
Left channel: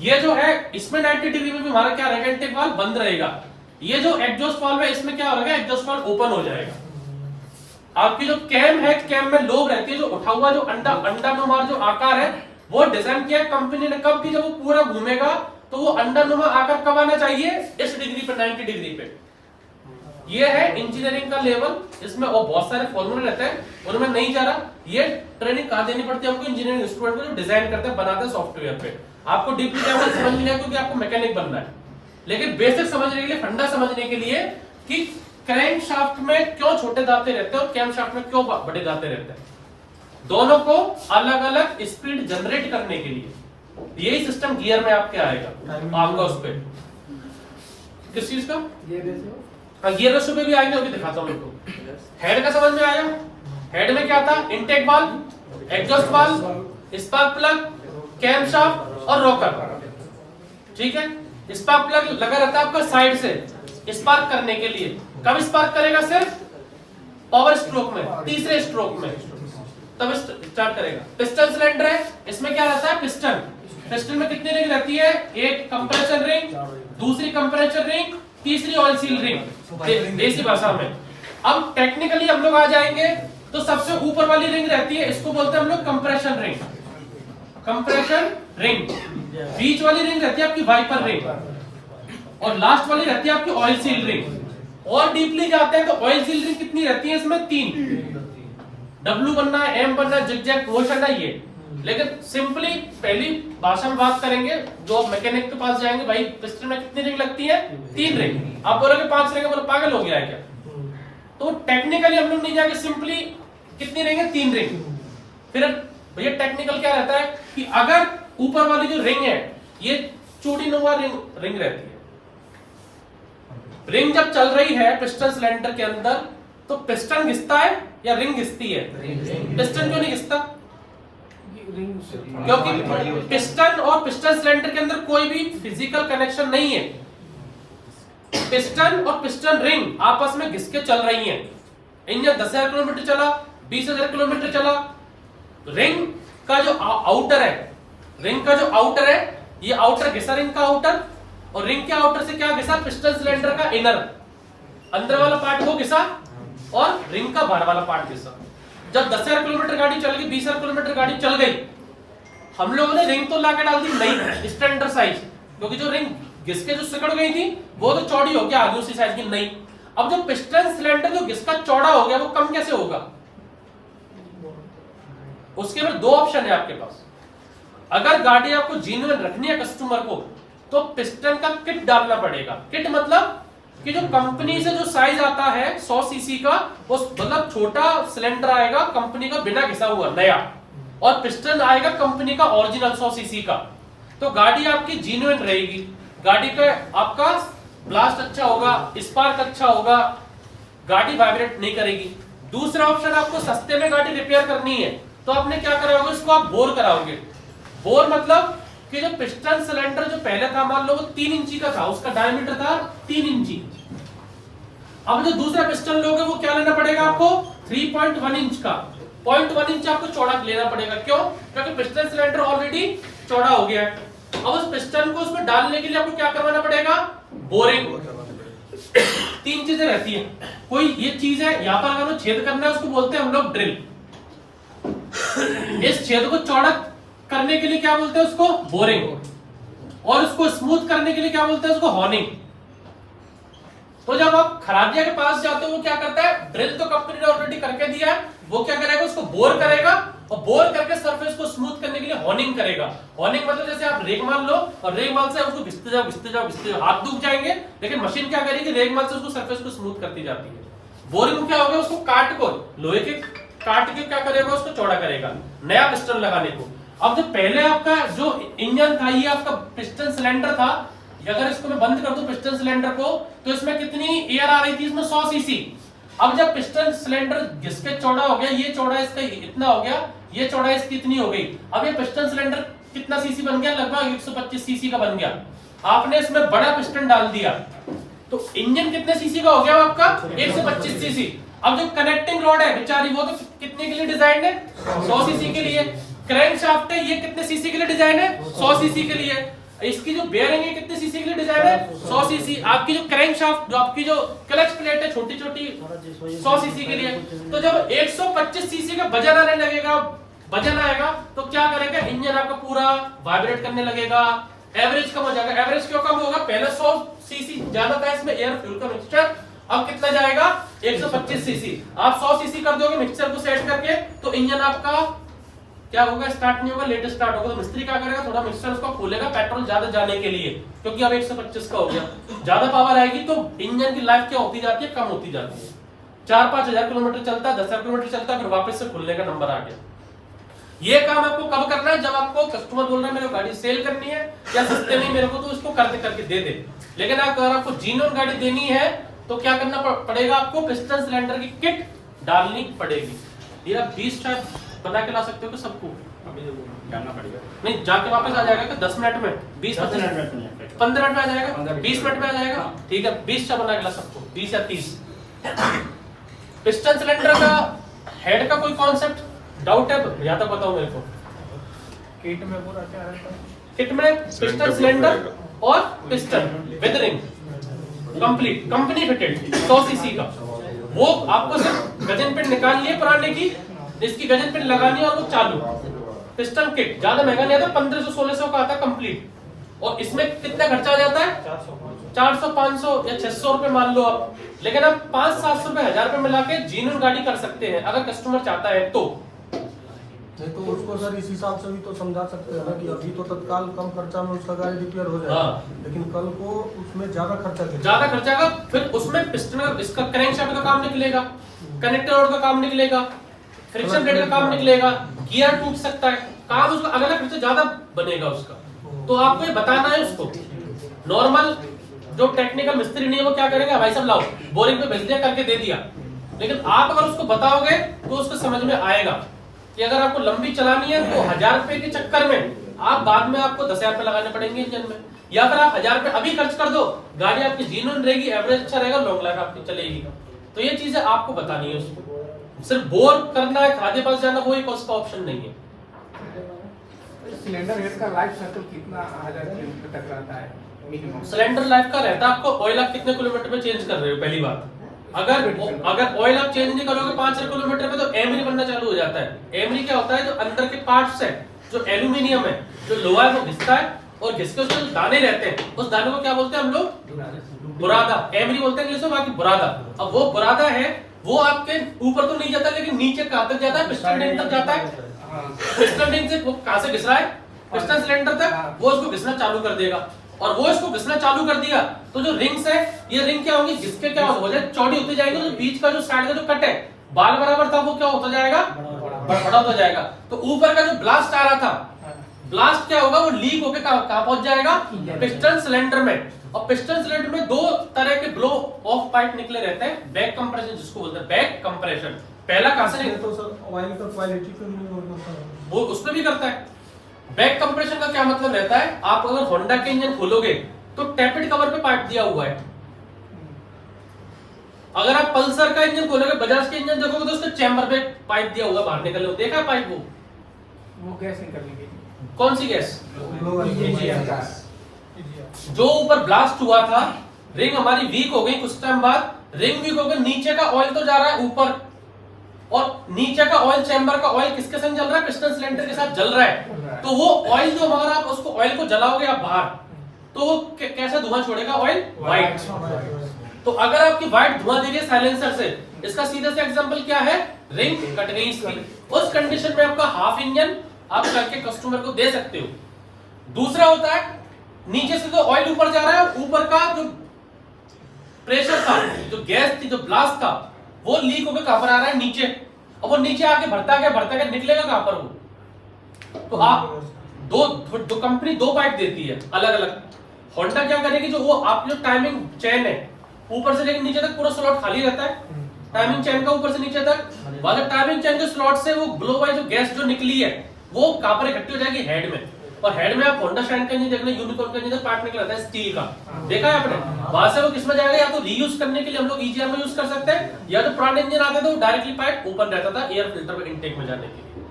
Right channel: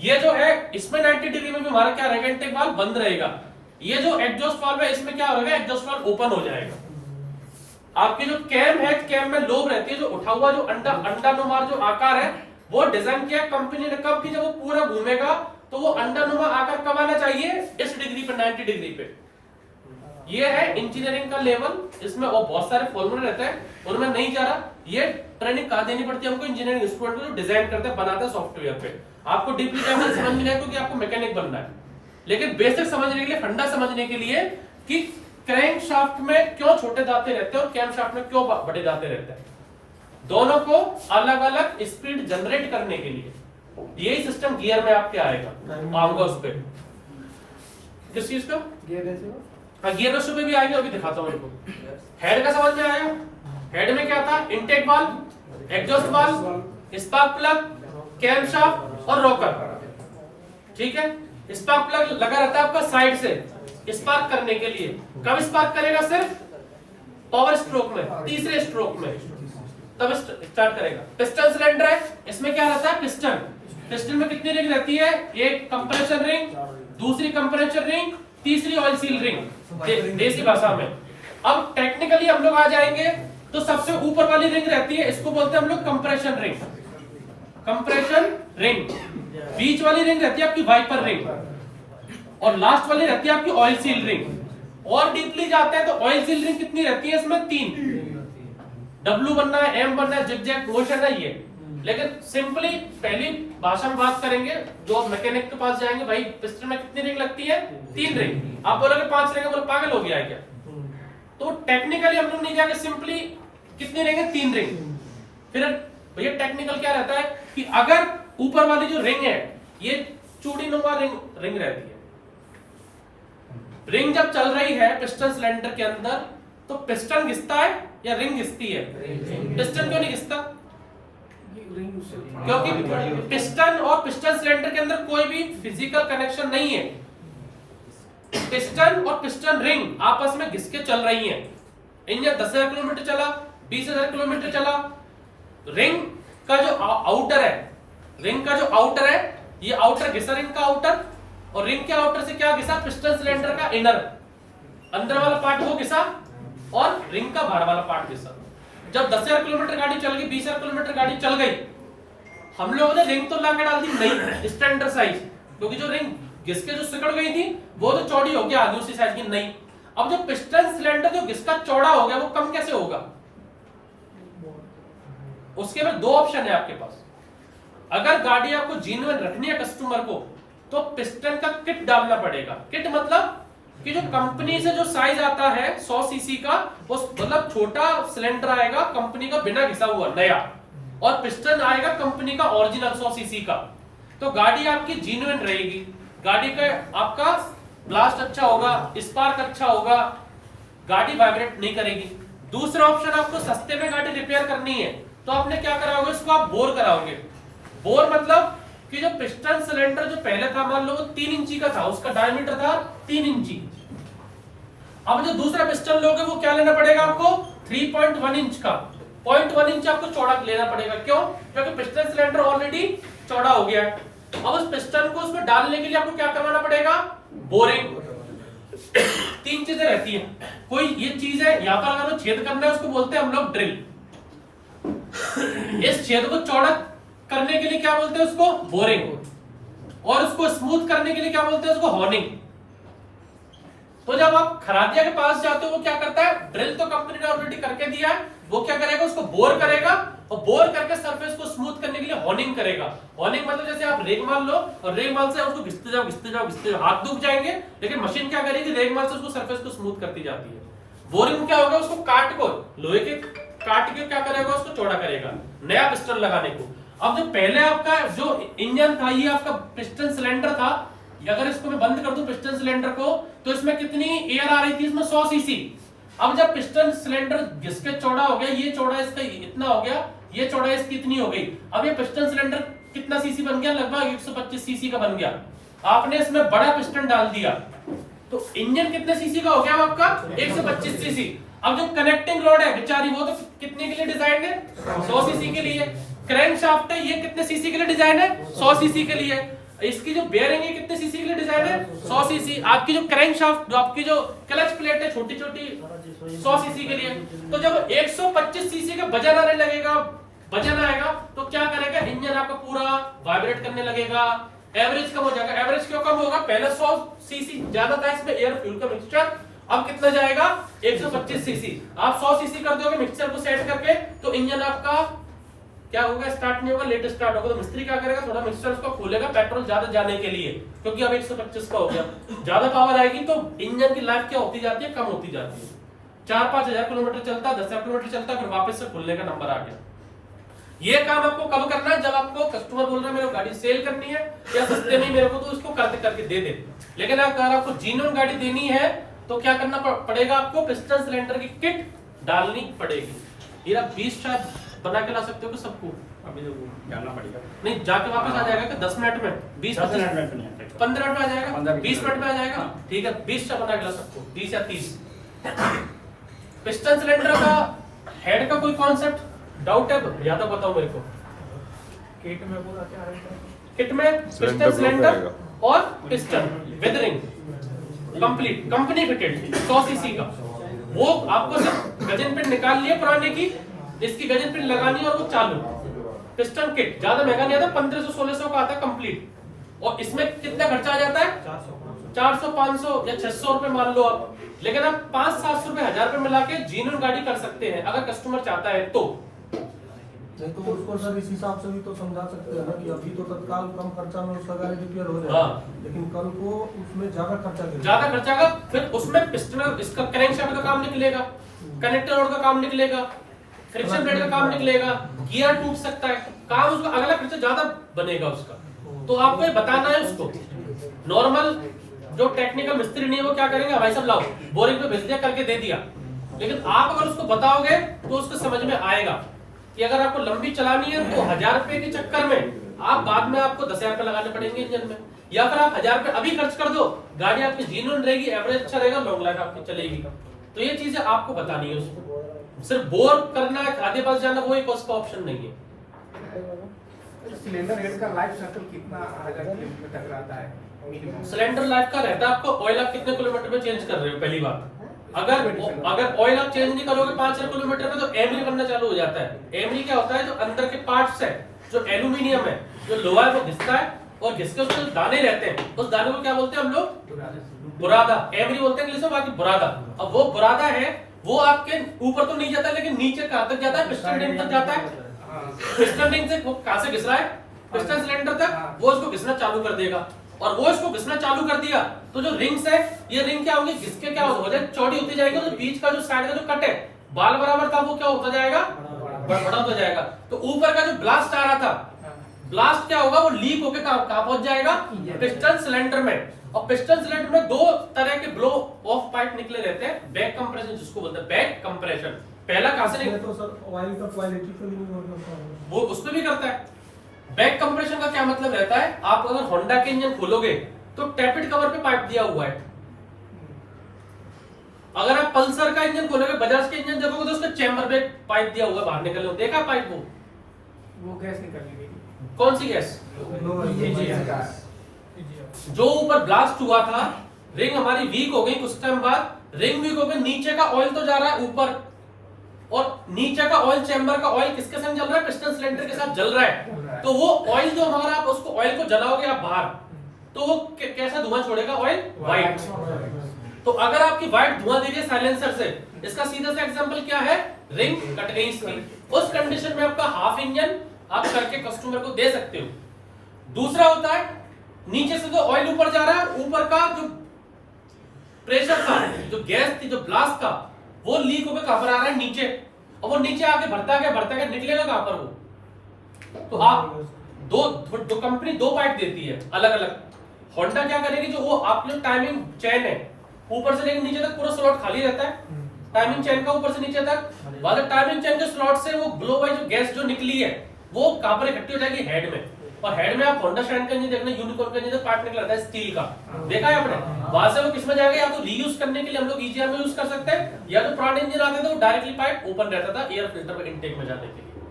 ये जो है इसमें 90 डिग्री में भी हमारा क्या रहेगा, इनटेक वाल्व बंद रहेगा। ये जो एग्जॉस्ट वाल्व है, इसमें क्या होगा, एग्जॉस्ट वाल्व ओपन हो जाएगा। आपकी जो कैम है, कैम में लोब रहती है, जो उठा हुआ जो अंडानुमा जो आकार है, वो डिजाइन किया कंपनी ने कब की, जब वो पूरा घूमेगा तो वो अंडानुमा आकार कब आना चाहिए, इस डिग्री पे, 90 डिग्री पे। ये है इंजीनियरिंग का लेवल, इसमें और बहुत सारे फॉर्मूले रहते हैं, उनमें नहीं जा रहा। ये ट्रेनिंग कहाँ देनी पड़ती है हमको, इंजीनियरिंग स्टूडेंट को जो डिजाइन करते हैं, बनाते हैं सॉफ्टवेयर पे। आपको डीपली समझ नहीं आएगा क्योंकि आपको मैकेनिक बनना है, लेकिन बेसिक समझने के लिए, फंडा समझने के लिए कि क्रैंक शाफ्ट में क्यों छोटे दांते रहते हैं और कैम शाफ्ट में क्यों बड़े दांते रहते हैं, दोनों को अलग अलग स्पीड जनरेट करने के लिए यही सिस्टम गियर में आपके आएगा। आऊंगा उस पे, किस चीज का, गियर रेशो पे भी आएंगे, अभी दिखाता हूं इनको। हेड का समझ में आया, हेड में क्या था, intake valve, exhaust valve, spark plug, cam shaft और रॉकर, ठीक है। स्पार्क प्लग लगा रहता है आपका साइड से स्पार्क करने के लिए, कब स्पार्क करेगा, सिर्फ पावर स्ट्रोक में, तीसरे स्ट्रोक में तब स्टार्ट करेगा। पिस्टन सिलेंडर है, इसमें क्या रहता है, पिस्टन में कितनी रिंग रहती है, एक कंप्रेसर रिंग, दूसरी कंप्रेसर रिंग, तीसरी ऑयल सील रिंग, देसी भाषा में। अब टेक्निकली हम लोग आ जाएंगे तो सबसे ऊपर वाली रिंग रहती है, इसको बोलते हैं हम लोग कंप्रेशन रिंग, कंप्रेशन रिंग। बीच वाली रिंग रहती है आपकी वाइपर रिंग, और लास्ट वाली रहती है आपकी ऑयल सील रिंग। और डीपली जाते हैं तो ऑयल सील रिंग कितनी रहती है, इसमें 3, डब्ल्यू बनना है, एम बनना है, जिगजैग मोशन है ये। लेकिन सिंपली पहली भाषा में बात करेंगे, जो मैकेनिक के पास जाएंगे, भाई पिस्टन में कितनी रिंग लगती है, 3 रिंग। आप बोलोगे 5 रिंग, बोलो पागल हो गया है क्या। तो टेक्निकली हम लोग नहीं जाएंगे, सिंपली कितनी रिंग है, 3 रिंग। फिर भैया टेक्निकल क्या रहता है कि अगर ऊपर वाली जो रिंग है ये चूड़ीनुमा रिंग रहती है, रिंग जब चल रही है पिस्टन सिलेंडर के अंदर, तो पिस्टन घिसता है या रिंग घिसती है? पिस्टन क्यों नहीं घिसता? क्योंकि पिस्टन और पिस्टन सिलेंडर के अंदर कोई भी फिजिकल कनेक्शन नहीं है। पिस्टन और पिस्टन रिंग आपस में घिस के चल रही हैं। इंजन 10,000 किलोमीटर चला, 20,000 किलोमीटर चला, रिंग का जो आउटर है, रिंग का जो आउटर है, ये आउटर घिसा रिंग का आउटर, और रिंग के आउटर से क्या घिसा? पिस्टन सिलेंडर का इनर, अंदर वाला पार्ट वो घिसा, और रिंग का बाहर वाला पार्ट घिसा। जब 10,000 किलोमीटर गाड़ी चल गई, 20,000 किलोमीटर गाड़ी चल गई, हम लोगों ने रिंग तो लाके डाल दी नई स्टैंडर्ड साइज, क्योंकि जो रिंग घिस के जो सिकड़ गई थी वो तो चौड़ी हो गया, आगे उसी साइज की नहीं। अब जो पिस्टन सिलेंडर जो घिसका चौड़ा हो गया वो कम कैसे होगा? उसके बाद दो ऑप्शन है आपके पास। अगर गाड़ी आपको जेन्युइन रखनी है कस्टमर को, तो पिस्टन का किट डालना पड़ेगा। किट मतलब कि जो कंपनी से जो साइज आता है 100 सीसी का, वो मतलब छोटा सिलेंडर आएगा कंपनी का बिना घिसा हुआ नया, और पिस्टन आएगा कंपनी का ओरिजिनल 100 सीसी का। तो गाड़ी आपकी जेन्युइन रहेगी, गाड़ी का आपका ब्लास्ट अच्छा होगा, स्पार्क अच्छा होगा, गाड़ी वाइब्रेट नहीं करेगी। दूसरा ऑप्शन, आपको सस्ते में गाड़ी रिपेयर करनी है, तो आपने क्या कराओगे? इसको आप बोर कराओगे। बोर मतलब कि जो पिस्टन सिलेंडर जो पहले था, मान लो वो 3 इंची का था, उसका डायमीटर था 3 इंची। अब जो दूसरा पिस्टन लोगे वो क्या लेना पड़ेगा आपको? 3.1 इंच का। 0.1 इंच आपको चौड़ा लेना पड़ेगा। क्यों? क्योंकि पिस्टन सिलेंडर ऑलरेडी चौड़ा हो गया है। अब उस पिस्टन को उसमें डालने के लिए आपको क्या करवाना पड़ेगा? बोरिंग। 3 चीजें रहती है, कोई ये चीज है यहां पर, अगर वो छेद करना है उसको बोलते हैं हम लोग ड्रिल। इस छेद को चौड़ा करने के लिए क्या बोलते हैं? उसको बोरिंग। और उसको स्मूथ करने के लिए क्या बोलते हैं? उसको हॉर्निंग। तो जब आप खरादिया के पास जाते हो, वो क्या करता है? ड्रिल तो कंपनी ने ऑलरेडी करके दिया है, वो क्या करेगा? उसको बोर करेगा, और बोर करके सरफेस को स्मूथ करने के लिए हॉर्निंग करेगा। हॉर्निंग मतलब जैसे आप रेगमाल लो और रेगमाल से उसको घिसते जाओ घिसते जाओ घिसते जाओ, हाथ दुख जाएंगे, लेकिन मशीन क्या करेगी? रेगमाल से उसको सरफेस को स्मूथ करती जाती है। बोरिंग क्या होगा? उसको काट को, लोहे के काट के क्या करेगा? उसको चौड़ा करेगा नया पिस्टन लगाने को। अब जो पहले आपका जो इंजन था, ये आपका पिस्टन सिलेंडर था, अगर इसको मैं बंद कर दूं पिस्टन सिलेंडर को, तो इसमें कितनी एयर आ रही थी? इसमें 100 सीसी। अब जब पिस्टन सिलेंडर घिसके चौड़ा हो गया, ये चौड़ा इसका इतना हो गया, ये चौड़ा इसकी इतनी हो गई, अब ये पिस्टन सिलेंडर कितना सीसी बन गया? लगभग 125 सीसी का बन गया। आपने इसमें बड़ा पिस्टन डाल दिया, तो इंजन कितने सीसी का हो गया आपका? 125 सीसी। अब जो कनेक्टिंग रॉड है बेचारी, वो तो कितने के लिए डिजाइन है? 100 सीसी के लिए। क्रैंक शाफ्ट है, ये कितने सीसी के लिए डिजाइन है? 100 सीसी के लिए। इसकी जो बेयरिंग है कितने सीसी के लिए डिजाइन है? 100 सीसी। आपकी जो क्रैंक शाफ्ट, जो आपकी जो क्लच प्लेट है छोटी छोटी, 100 सीसी के लिए। तो जब 125 सीसी का वजन आने लगेगा, वजन आएगा, तो क्या करेगा? इंजन आपका पूरा वाइब्रेट करने लगेगा, एवरेज कम हो जाएगा। एवरेज क्यों कम होगा? पहले 100 सीसी ज्यादा था इसमें एयर फ्यूल का मिक्सचर, अब कितना जाएगा? 125 सीसी। आप 100 सीसी कर दोगे मिक्सचर को सेट करके, तो इंजन आपका क्या होगा? स्टार्ट नहीं होगा, लेट स्टार्ट होगा। तो मिस्त्री क्या करेगा? थोड़ा मिक्सचर उसको खोलेगा पेट्रोल ज्यादा जाने के लिए, क्योंकि अब 125 का हो गया। ज्यादा पावर आएगी तो इंजन की लाइफ क्या होती जाती है? कम होती जाती है। 4-5 हजार किलोमीटर चलता है, 10,000 किलोमीटर चलता है, फिर वापस से खुलने का नंबर आ गया। ये काम आपको कब करना है? जब आपको कस्टमर बोल रहा है मेरे को गाड़ी सेल करनी है या सस्ते में मेरे को, तो उसको करके दे दे। लेकिन अगर आपको जेन्युइन गाड़ी देनी है, तो क्या करना पड़ेगा? आपको पिस्टन सिलेंडर की किट डालनी पड़ेगी। ये आप 20 चाय बना के ला सकते हो कि सबको? अभी तो जाना पड़ेगा, नहीं, जाके वापस आ जाएगा कि 10 मिनट में? 20-15 मिनट में, 15 मिनट में आ जाएगा, 15-20 20 मिनट में आ जाएगा। ठीक है, 20 चाय बना के ला सबको, 20 या 30। पिस्टन सिलेंडर का हेड का कोई कॉन्सेप्ट डाउट है या तो बताओ मेरे को। किट में पूरा क्या है? किट में पिस्टन सिलेंडर और piston with ring complete, company fitted 100 CC का। वो आपको सिर्फ गजन पिन निकाल लिए पुराने की, इसकी गजन पिन लगानी और वो चालू। पिस्टन किट ज्यादा महंगा नहीं आता, 1500-1600 का आता कंप्लीट। और इसमें कितना खर्चा आ जाता है? 400, 500 या 600 रुपए मान लो आप। लेकिन आप 500-700 रुपए, 1000 रुपए मिला के जेन्युइन गाड़ी कर सकते हैं, अगर कस्टमर चाहता है तो। नहीं तो उसको सर इस हिसाब से भी तो समझा सकते हैं ना कि अभी तो तत्काल कम खर्चा में उसका गाड़ी रिपेयर हो जाएगा, लेकिन कल को उसमें ज्यादा खर्चा का, फिर उसमें पिस्टन, इसका क्रैंक शाफ्ट का काम निकलेगा, कनेक्टर रोड का काम निकलेगा, फ्रिक्शन ब्लेड का काम निकलेगा, गियर टूट सकता है, काम उसका अलग अलग खर्चा ज्यादा बनेगा उसका। तो आपको ये बताना है उसको। नॉर्मल जो टेक्निकल मिस्त्री नहीं है वो क्या करेंगे? भाई साहब लाओ, बोरिंग पे भेज दिया, करके दे दिया, लेकिन आप अगर उसको बताओगे तो उसको समझ में आएगा कि अगर आपको लंबी चलानी है तो 1000 रुपए के चक्कर में आप बाद में आपको 10,000 रुपए लगाने पड़ेंगे इंजन में, या फिर आप 1000 रुपए अभी खर्च कर दो, गाड़ी आपकी जीन्यून रहेगी, एवरेज अच्छा रहेगा, लॉन्ग लाइफ आपकी चलेगी। तो ये चीजें आपको बतानी है उसको। सिर्फ बोर करना है, खादे पास जाना, वो एक उसका ऑप्शन नहीं है। सिलेंडर हेड का लाइफ साइकिल कितना 1000 किलोमीटर तक रहता है मिनिमम? सिलेंडर लाइफ का रहता है आपको ऑयल आप कितने किलोमीटर में चेंज कर रहे हो, पहली बात। अगर ऑयल आप चेंज नहीं करोगे 5 किलोमीटर पे तो एमरी बनना चालू हो जाता है। एमरी क्या होता है, जो अंदर के पार्ट्स है, जो एल्यूमिनियम है, जो लोहा है, वो घिसता है और घिस के उसके जो दाने रहते हैं, उस दानों को क्या बोलते हैं हम लोग? बुरादा। एमरी बोलते हैं इंग्लिश में, बाकी बुरादा। अब वो बुरादा है, वो आपके ऊपर तो नहीं जाता, लेकिन नीचे कहां तक जाता है? पिस्टन रिंग तक जाता है। पिस्टन रिंग से वो कहां से घिस रहा है? पिस्टन सिलेंडर तक। वो उसको घिसना चालू कर देगा, और वो इसको घिसना चालू कर दिया तो जो रिंग्स है, ये रिंग क्या होंगी? जिसके क्या हो जाए चौड़ी होती जाएगी, तो बीच का जो साइड का जो कट है, बाल बराबर था, वो क्या होता जाएगा? बड़ा हो जाएगा। तो ऊपर का जो ब्लास्ट आ रहा था, ब्लास्ट क्या होगा? वो लीक होकर कहां पहुंच जाएगा? पिस्टन सिलेंडर में। और पिस्टन सिलेंडर में दो तरह के ब्लो ऑफ पाइप निकले रहते हैं, बैक कंप्रेशन जिसको बोलते हैं, बैक कंप्रेशन। पहला कहां से तो सर ऑयल का क्वालिटी पे भी निर्भर करता है, वो उसमें भी करता है। बैक कंप्रेशन का क्या मतलब रहता है? आप अगर होंडा के इंजन खोलोगे तो टैपिड कवर पे पाइप दिया हुआ है। अगर आप पल्सर का इंजन खोलोगे, बजाज के इंजन देखोगे तो उसके चैम्बर पे पाइप दिया हुआ है, बाहर निकलने, देखा पाइप? वो गैस निकलने के लिए। कौन सी गैस? जो ऊपर ब्लास्ट हुआ था, रिंग हमारी वीक हो गई, कुछ टाइम बाद रिंग वीक हो गई, नीचे का ऑयल तो जा रहा है ऊपर, और नीचे का ऑयल, चैम्बर का ऑयल किसके संग जल रहा है? पिस्टन सिलेंडर के साथ जल रहा है। तो वो ऑयल जो, अगर आप उसको ऑयल को जलाओगे आप बाहर, तो वो कैसा धुआं छोड़ेगा? Oil white. तो अगर आपकी व्हाइट धुआं दे रही है साइलेंसर से, इसका सीधा सा एग्जांपल क्या है? रिंग कट गई इसकी। उस कंडीशन में आपका हाफ इंजन आप करके कस्टमर को दे सकते हो। दूसरा होता है, नीचे से तो ऑयल ऊपर जा रहा है, ऊपर का जो प्रेशर था, जो गैस थी, जो ब्लास्ट था, वो लीक होकर कहां पर आ रहा है? नीचे। और वो नीचे आके भरता गया निकलेगा कहां पर? वो तो आप दो कंपनी दो पाइप देती है अलग अलग। होंडा क्या करेगी, जो वो आपकी जो टाइमिंग चेन है, ऊपर से लेकर नीचे तक पूरा स्लॉट खाली रहता है, टाइमिंग चेन का ऊपर से नीचे तक वाले टाइमिंग चेन के स्लॉट से वो ब्लो वाई जो गैस जो निकली है, वो कहां पर इकट्ठी हो जाएगी? हेड में। और हेड में आप होंडा शाइन का इंजन देखना, यूनिकॉर्न का इंजन पार्ट निकला था स्टील का, देखा है आपने? वहां से वो किसमें जाएगा? या तो रीयूज करने के लिए हम लोग ईजीआर में यूज कर सकते हैं, या तो पुराने इंजन आते थे वो डायरेक्टली पाइप ऊपर रहता था एयर फिल्टर में इनटेक में जाने के लिए।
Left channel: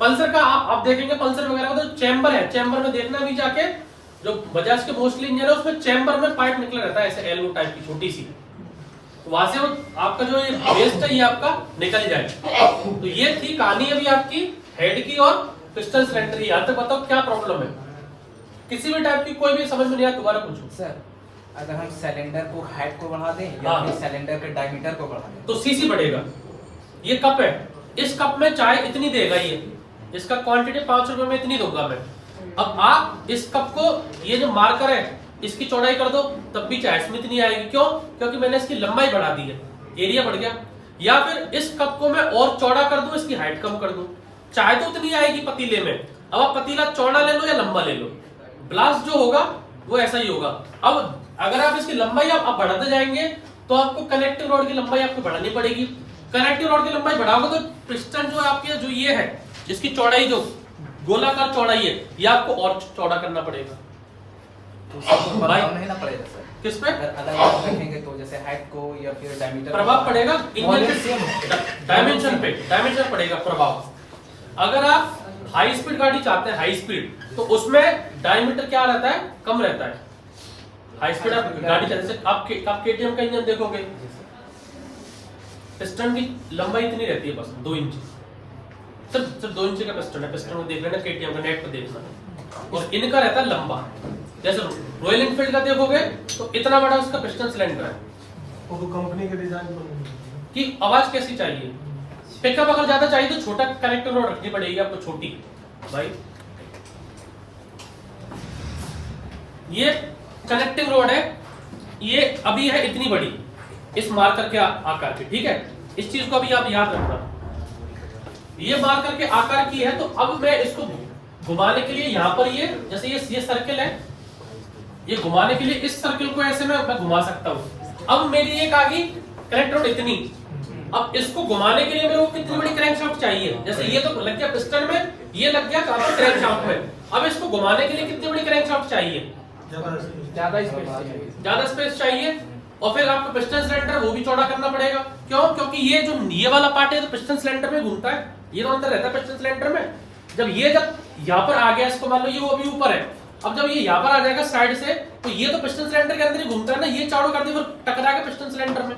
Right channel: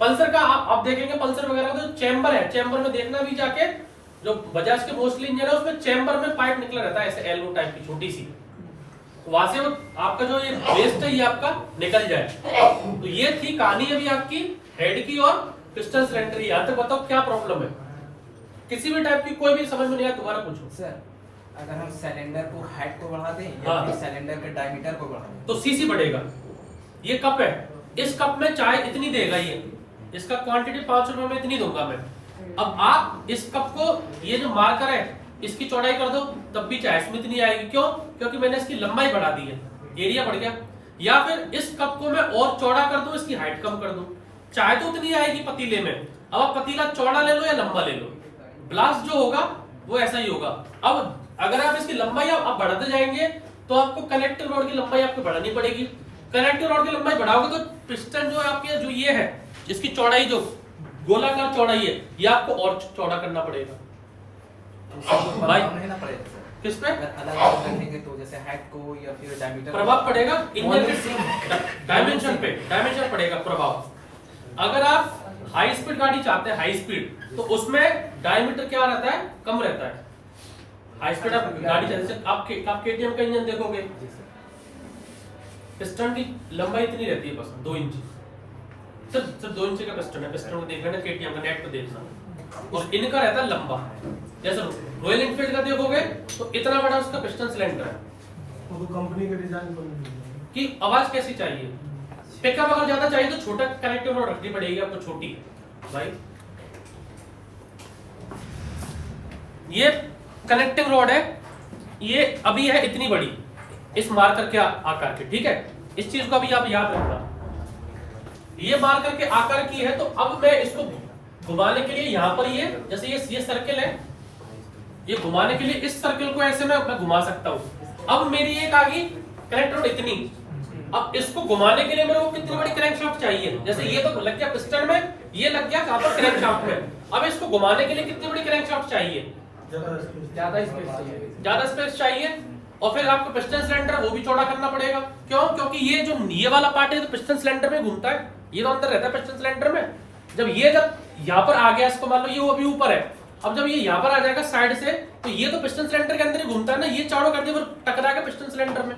पल्सर का आप देखेंगे, पल्सर वगैरह का तो चैम्बर है, चैम्बर में देखना भी जाके, जो बजाज के मोस्टली इंजन है उसमें चैम्बर में पाइप निकला रहता है, ऐसे एल्बो टाइप की छोटी सी, वहां से वो आपका जो ये वेस्ट है ये आपका निकल जाए। तो ये थी कहानी अभी आपकी हेड की और पिस्टन सिलेंडर की। यहाँ तक बताओ क्या प्रॉब्लम है? किसी भी टाइप की कोई भी समझ में नहीं आया, दोबारा पूछो। सर अगर हम सिलेंडर को हाइट को बढ़ा दें या फिर सिलेंडर के डायमीटर को बढ़ा दें तो सीसी बढ़ेगा। ये कप है, इस कप में चाय इतनी देगा, ये इसका क्वांटिटी 5 रुपए में इतनी दूंगा मैं। अब आप इस कप को, ये जो मार्कर है, इसकी चौड़ाई कर दो तब भी चाय इसमें इतनी आएगी। क्यों? क्योंकि मैंने इसकी लंबाई बढ़ा दी है, एरिया बढ़ गया। या फिर इस कप को मैं और चौड़ा कर दूं, इसकी हाइट कम कर दूं, चाय तो इतनी आएगी पतीले में। अब आप पतीला चौड़ा ले लो या लंबा ले लो, ब्लास्ट जो होगा वो ऐसा ही होगा। अब अगर आप इसकी लंबाई आप बढ़ाते जाएंगे तो आपको कनेक्टिंग रॉड की लंबाई आपको बढ़ानी पड़ेगी। कनेक्टिंग रॉड की लंबाई बढ़ाओगे तो पिस्टन जो आपके जो ये है, जिसकी चौड़ाई जो गोलाकार चौड़ाई है, ये आपको और चौड़ा करना पड़ेगा। भाई नहीं ना पड़ेगा सर? किस पे अलग रखेंगे तो जैसे हाइट को या फिर डायमीटर प्रभाव पड़ेगा? इंजन के डायमेंशन पे डायमेंशन पड़ेगा प्रभाव। अगर आप हाई स्पीड गाड़ी चाहते हैं, हाई स्पीड, तो उसमें डायमीटर क्या रहता है? कम रहता है। हाई स्पीड आप गाड़ी चाहते, आप केटीएम का इंजन देखोगे, पिस्टन की लंबाई इतनी रहती है बस 2 इंच, सिर्फ 2 इंच का पिस्टन है। पिस्टन को देख लेना, केटीएम का नेट पे देखना, और इनका रहता है लंबा। जैसे रॉयल एनफील्ड का देखोगे तो इतना बड़ा उसका पिस्टन सिलेंडर है। वो कंपनी के डिजाइन कि आवाज कैसी चाहिए, पिकअप अगर ज्यादा चाहिए तो छोटा कनेक्टिंग रॉड रखनी पड़ेगी आपको, छोटी। भाई ये कनेक्टिंग रॉड है, ये अभी है इतनी बड़ी, इस मार्कर के आकार की, ठीक है? इस चीज को अभी आप याद रखना, ये मार्कर के आकार की है। तो अब मैं इसको घुमाने के लिए यहाँ पर ये, जैसे ये सर्किल है, ये घुमाने के लिए इस सर्किल को ऐसे मैं घुमा सकता हूँ। अब मेरी एक आ गई कनेक्टर रॉड इतनी, अब इसको घुमाने के लिए मेरे को कितनी बड़ी क्रैंकशाफ्ट चाहिए? जैसे ये तो लग गया पिस्टन में, ये लग गया कहां पर? क्रैंकशाफ्ट में। अब इसको घुमाने के लिए कितनी बड़ी क्रैंकशाफ्ट चाहिए? ज्यादा स्पेस चाहिए। ज्यादा स्पेस चाहिए। और फिर आपको पिस्टन सिलेंडर वो भी चौड़ा करना पड़ेगा। क्यों? क्योंकि ये जो ये वाला पार्ट है तो पिस्टन सिलेंडर में घूमता है, ये तो अंदर रहता है पिस्टन सिलेंडर में। जब यहाँ पर आ गया, इसको मान लो ये वो अभी ऊपर है, अब जब ये यहाँ पर आ जाएगा साइड से, तो ये तो पिस्टन सिलेंडर के अंदर ही घूमता है ना, ये चौड़ा कर दिया फिर टकराएगा पिस्टन सिलेंडर में।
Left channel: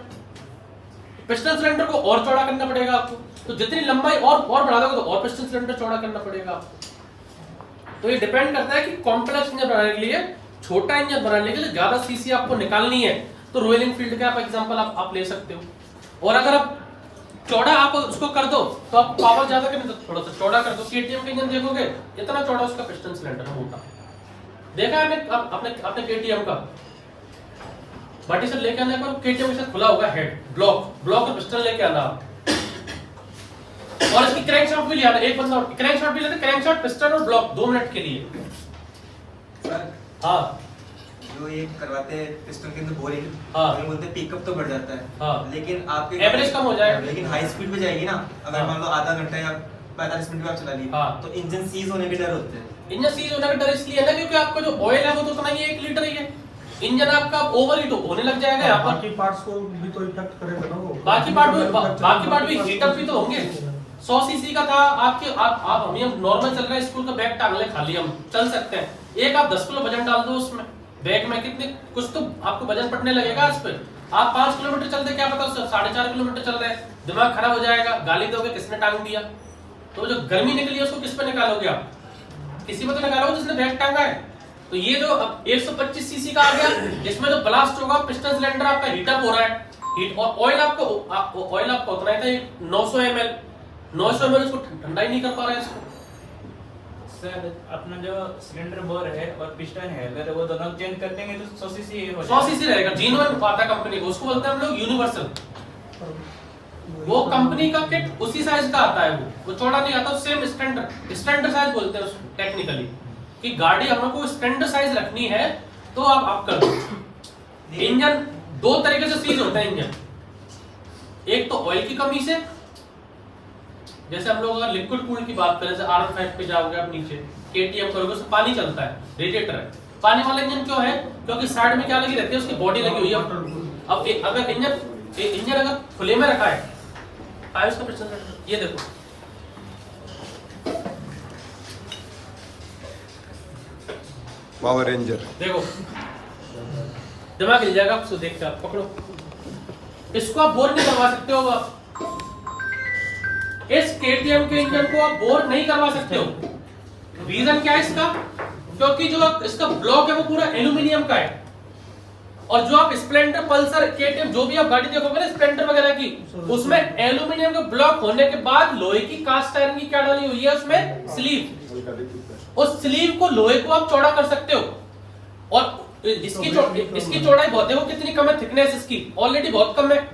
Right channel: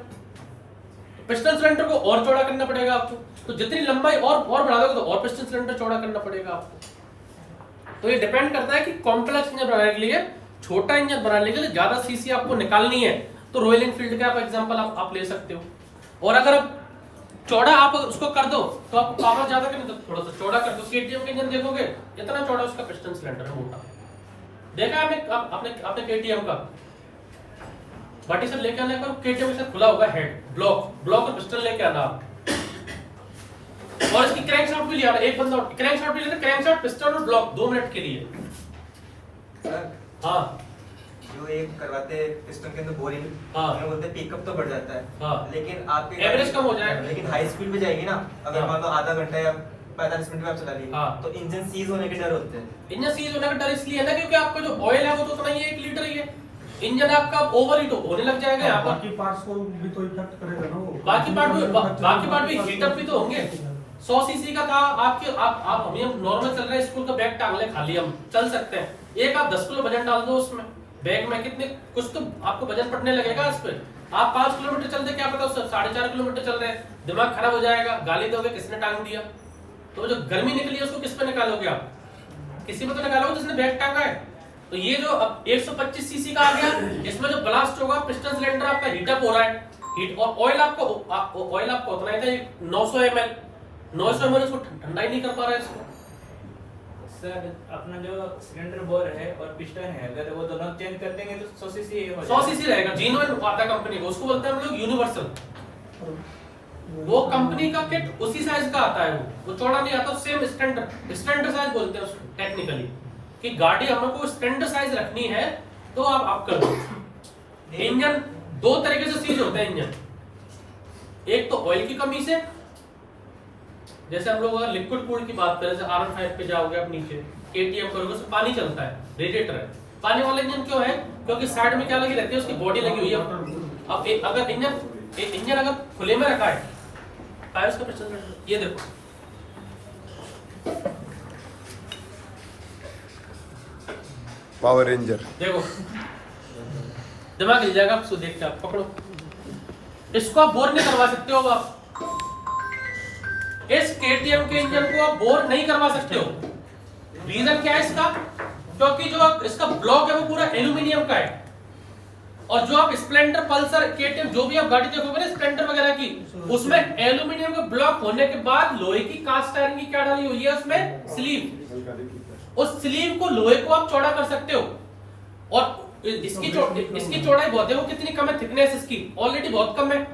पिस्टन सिलेंडर को और चौड़ा करना पड़ेगा आपको, तो जितनी लंबाई और बढ़ा दोगे तो और पिस्टन सिलेंडर चौड़ा करना पड़ेगा आपको। तो ये डिपेंड करता है कि कॉम्प्लेक्स इंजन बनाने के लिए, छोटा इंजन बनाने के लिए ज्यादा सीसी आपको निकालनी है, तो रॉयल एनफील्ड का आप एग्जांपल आप ले सकते हो। और अगर आप चौड़ा आप उसको कर दो तो आप पावर ज्यादा करने, थोड़ा सा चौड़ा कर दो। केटीएम का इंजन देखोगे इतना चौड़ा उसका पिस्टन सिलेंडर है, मोटा। देखा है आपने केटीएम का बाटी से लेके आने पर केटीएम से खुला हुआ हेड, ब्लॉक और पिस्टन लेके आना आप, और इसकी क्रैंकशाफ्ट भी ले आना। एक बंदा क्रैंकशाफ्ट भी लेता, क्रैंकशाफ्ट पिस्टन और ब्लॉक 2 मिनट के लिए। सर हाँ, जो एक करवाते हैं पिस्टन के अंदर बोरिंग, हाँ, बोलते हैं पिकअप तो बढ़ जाता है, हाँ, लेकिन आपके एवरेज कम हो जाएगा। लेकिन हाई स्पीड पे जाएगी ना, अगर हाँ, मान लो आधा घंटा या 45 मिनट में आप चला ली, हाँ, तो इंजन सीज होने के डर होते हैं। इंजन सीज होने का डर इसलिए है ना क्योंकि आपका जो ऑयल है वो तो उतना ही 1 लीटर ही है। इंजन आपका ओवर हीट होने लग जाएगा यहाँ पर, बाकी पार्ट्स को भी तो इफेक्ट करेगा ना वो। बाकी पार्ट भी हीट अप भी तो होंगे। 100 सीसी का था आपके, आप हम नॉर्मल चल रहा है, स्कूल का बैग टांग ले खाली, हम चल सकते हैं। एक आप 10 किलो वजन डाल दो उसमें बैग में, कितने कुछ तो आपको वजन पड़ने लगेगा इस पे। आप 5 किलोमीटर चलते, क्या पता 4.5 किलोमीटर चल रहे हैं, दिमाग खराब हो जाएगा, गाली दोगे किसने टांग दिया। तो जो गर्मी निकली है उसको किस पे निकालोगे आप? किसी पे तो निकालोगे जिसने बैग टांगा है। तो ये जो अब 125 सीसी का आ गया, इसमें जो ब्लास्ट होगा, पिस्टन सिलेंडर आपका हीट अप हो रहा है, हीट, और ऑयल आपको उतना ही था 900 ml, 900 ml उसको ठंडा ही नहीं कर पा रहा है इसको। सर अपना जो सिलेंडर बोर है और पिस्टन है, अगर वो दोनों चेंज कर देंगे तो 100 सीसी हो 100 सीसी रहेगा। जीनोन आता है कंपनी को, उसको बोलते हैं हम लोग यूनिवर्सल। वो कंपनी का किट उसी साइज का आता है, वो चौड़ा नहीं आता, सेम स्टैंडर्ड साइज बोलते हैं उसको टेक्निकली, कि गाड़ी हमको स्टैंडर्ड साइज रखनी है तो आप कर दो। इंजन 2 तरीके से सीज होता है इंजन, एक तो ऑयल की कमी से, जैसे हम लोग अगर लिक्विड कूल्ड की बात करें, जैसे R15 पे जाओगे आप नीचे, केटीएम करोगे उसमें पानी चलता है, रेडिएटर है। पानी वाला इंजन क्यों है? क्योंकि साइड में क्या लगी रहती है, उसकी बॉडी लगी हुई है। अब अगर इंजन अगर खुले में रखा है, उसका पिस्टन, ये देखो पावर रेंजर, देखो दिमाग हिल जाएगा आपको देख के, आप पकड़ो इसको, आप बोर नहीं करवा सकते हो आप इस केटीएम के इंजन को, आप बोर नहीं करवा सकते हो। रीजन क्या है इसका? क्योंकि जो इसका ब्लॉक है वो पूरा एल्यूमिनियम का है, और जो आप स्प्लेंडर, पल्सर, केटीएम जो भी आप गाड़ी देखोगे ना स्प्लेंडर वगैरह की, उसमें एल्यूमिनियम का ब्लॉक होने के बाद लोहे की कास्ट आयरन की क्या डाली हुई है उसमें? स्लीव। उस स्लीव को, लोहे को आप चौड़ा कर सकते हो, और इसकी चौड़ाई बहुत है, वो कितनी कम है, थिकनेस इसकी ऑलरेडी बहुत कम है,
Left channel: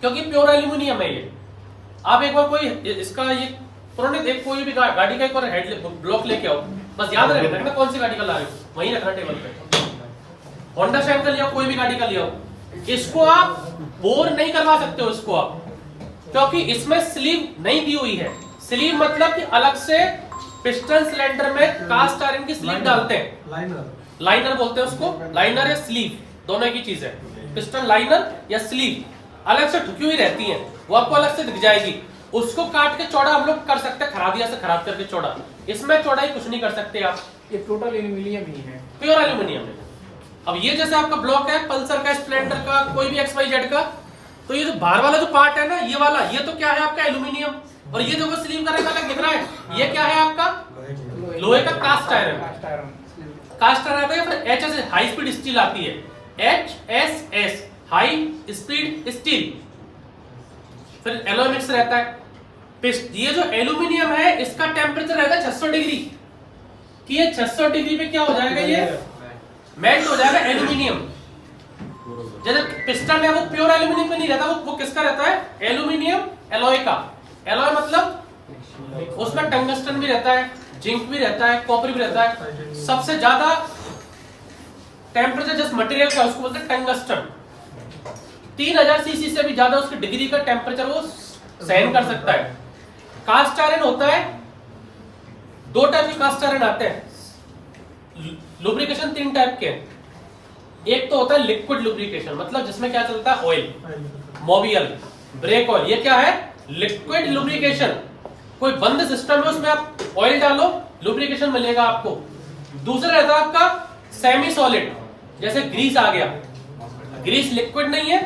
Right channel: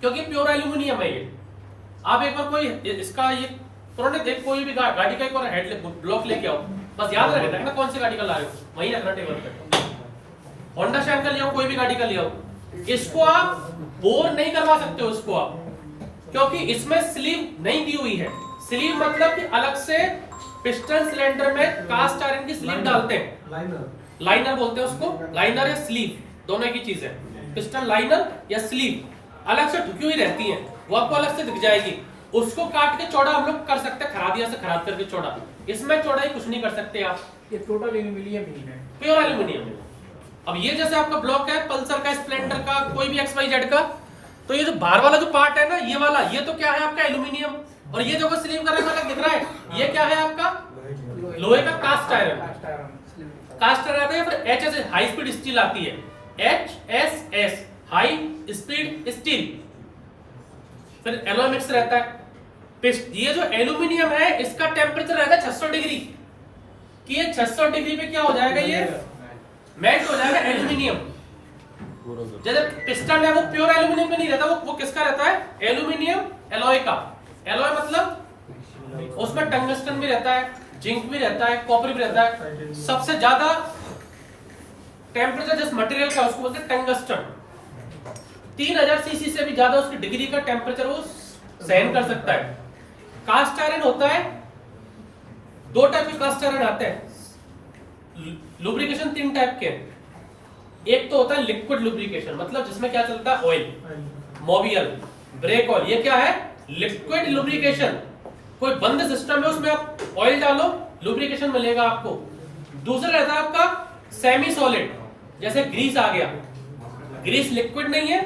क्योंकि प्योर एल्यूमिनियम है ये। आप एक बार कोई इसका ये पुराने एक कोई भी गाड़ी का एक बार हेड ब्लॉक लेके आओ, बस याद रखना कौन सी गाड़ी का ला रहे हो, वहीं रखना टेबल पे। होंडा शाइन का लिया, कोई भी गाड़ी का लिया हो, इसको आप बोर नहीं करवा सकते हो इसको आप, क्योंकि इसमें स्लीव नहीं दी हुई है। स्लीव मतलब कि अलग से पिस्टन सिलेंडर में कास्ट आयरन की स्लीव डालते हैं, लाइनर बोलते हैं उसको, लाइनर या स्लीव दोनों की चीज है। पिस्टन लाइनर या स्लीव अलग से ढुकी हुई रहती है, वो आपको अलग से दिख जाएगी, उसको काट के चौड़ा हम लोग कर सकते हैं, खरादिया से खराद करके चौड़ा। इसमें चौड़ाई कुछ नहीं कर सकते आप, ये टोटल एल्यूमिनियम ही है, प्योर एल्यूमिनियम है। अब ये जैसे आपका ब्लॉक है पल्सर का, स्प्लेंडर का, कोई भी XYZ का, तो ये जो बाहर वाला जो पार्ट है ना, ये वाला, ये तो क्या है आपका एल्यूमिनियम, और ये जो स्लीव का रंग अलग दिख रहा है, ये क्या है आपका? लोहे का कास्ट आयरन। कास्ट आयरन है, फिर HS हाई स्पीड स्टील आती है, HSS हाई स्पीड स्टील, फिर एलॉय मिक्स रहता है। ये जो एल्यूमिनियम है इसका टेम्परेचर रहता है 600 डिग्री, कि ये 600 डिग्री पे क्या हो जाएगा, ये मेल्ट हो जाएगा एल्यूमिनियम। जैसे पिस्टन है वो प्योर एल्यूमिनियम पे नहीं रहता, वो किसका रहता है? एल्यूमिनियम एलॉय का। एलॉय मतलब उसमें टंगस्टन भी रहता है, जिंक भी रहता है, कॉपर भी रहता है। सबसे ज्यादा टेम्परेचर जिस मटेरियल का उसको बोलते हैं टंगस्टन। 3000 सीसी से भी ज्यादा उसकी डिग्री का टेम्परेचर वो सहन कर सकता है। कास्ट आयरन होता है, दो टाइप के कास्ट आयरन आते हैं। लुब्रिकेशन 3 टाइप के, एक तो होता है लिक्विड लुब्रिकेशन, मतलब जिसमें क्या चलता है, ऑयल, मोबियल, ब्रेक ऑयल, ये क्या है, लिक्विड लुब्रिकेशन। कोई बंद सिस्टम है, उसमें आप ऑयल डालो, लुब्रिकेशन मिलेगा आपको। दूसरा रहता है आपका सेमी सॉलिड, जैसे ग्रीस आ गया, ग्रीस लिक्विड नहीं है,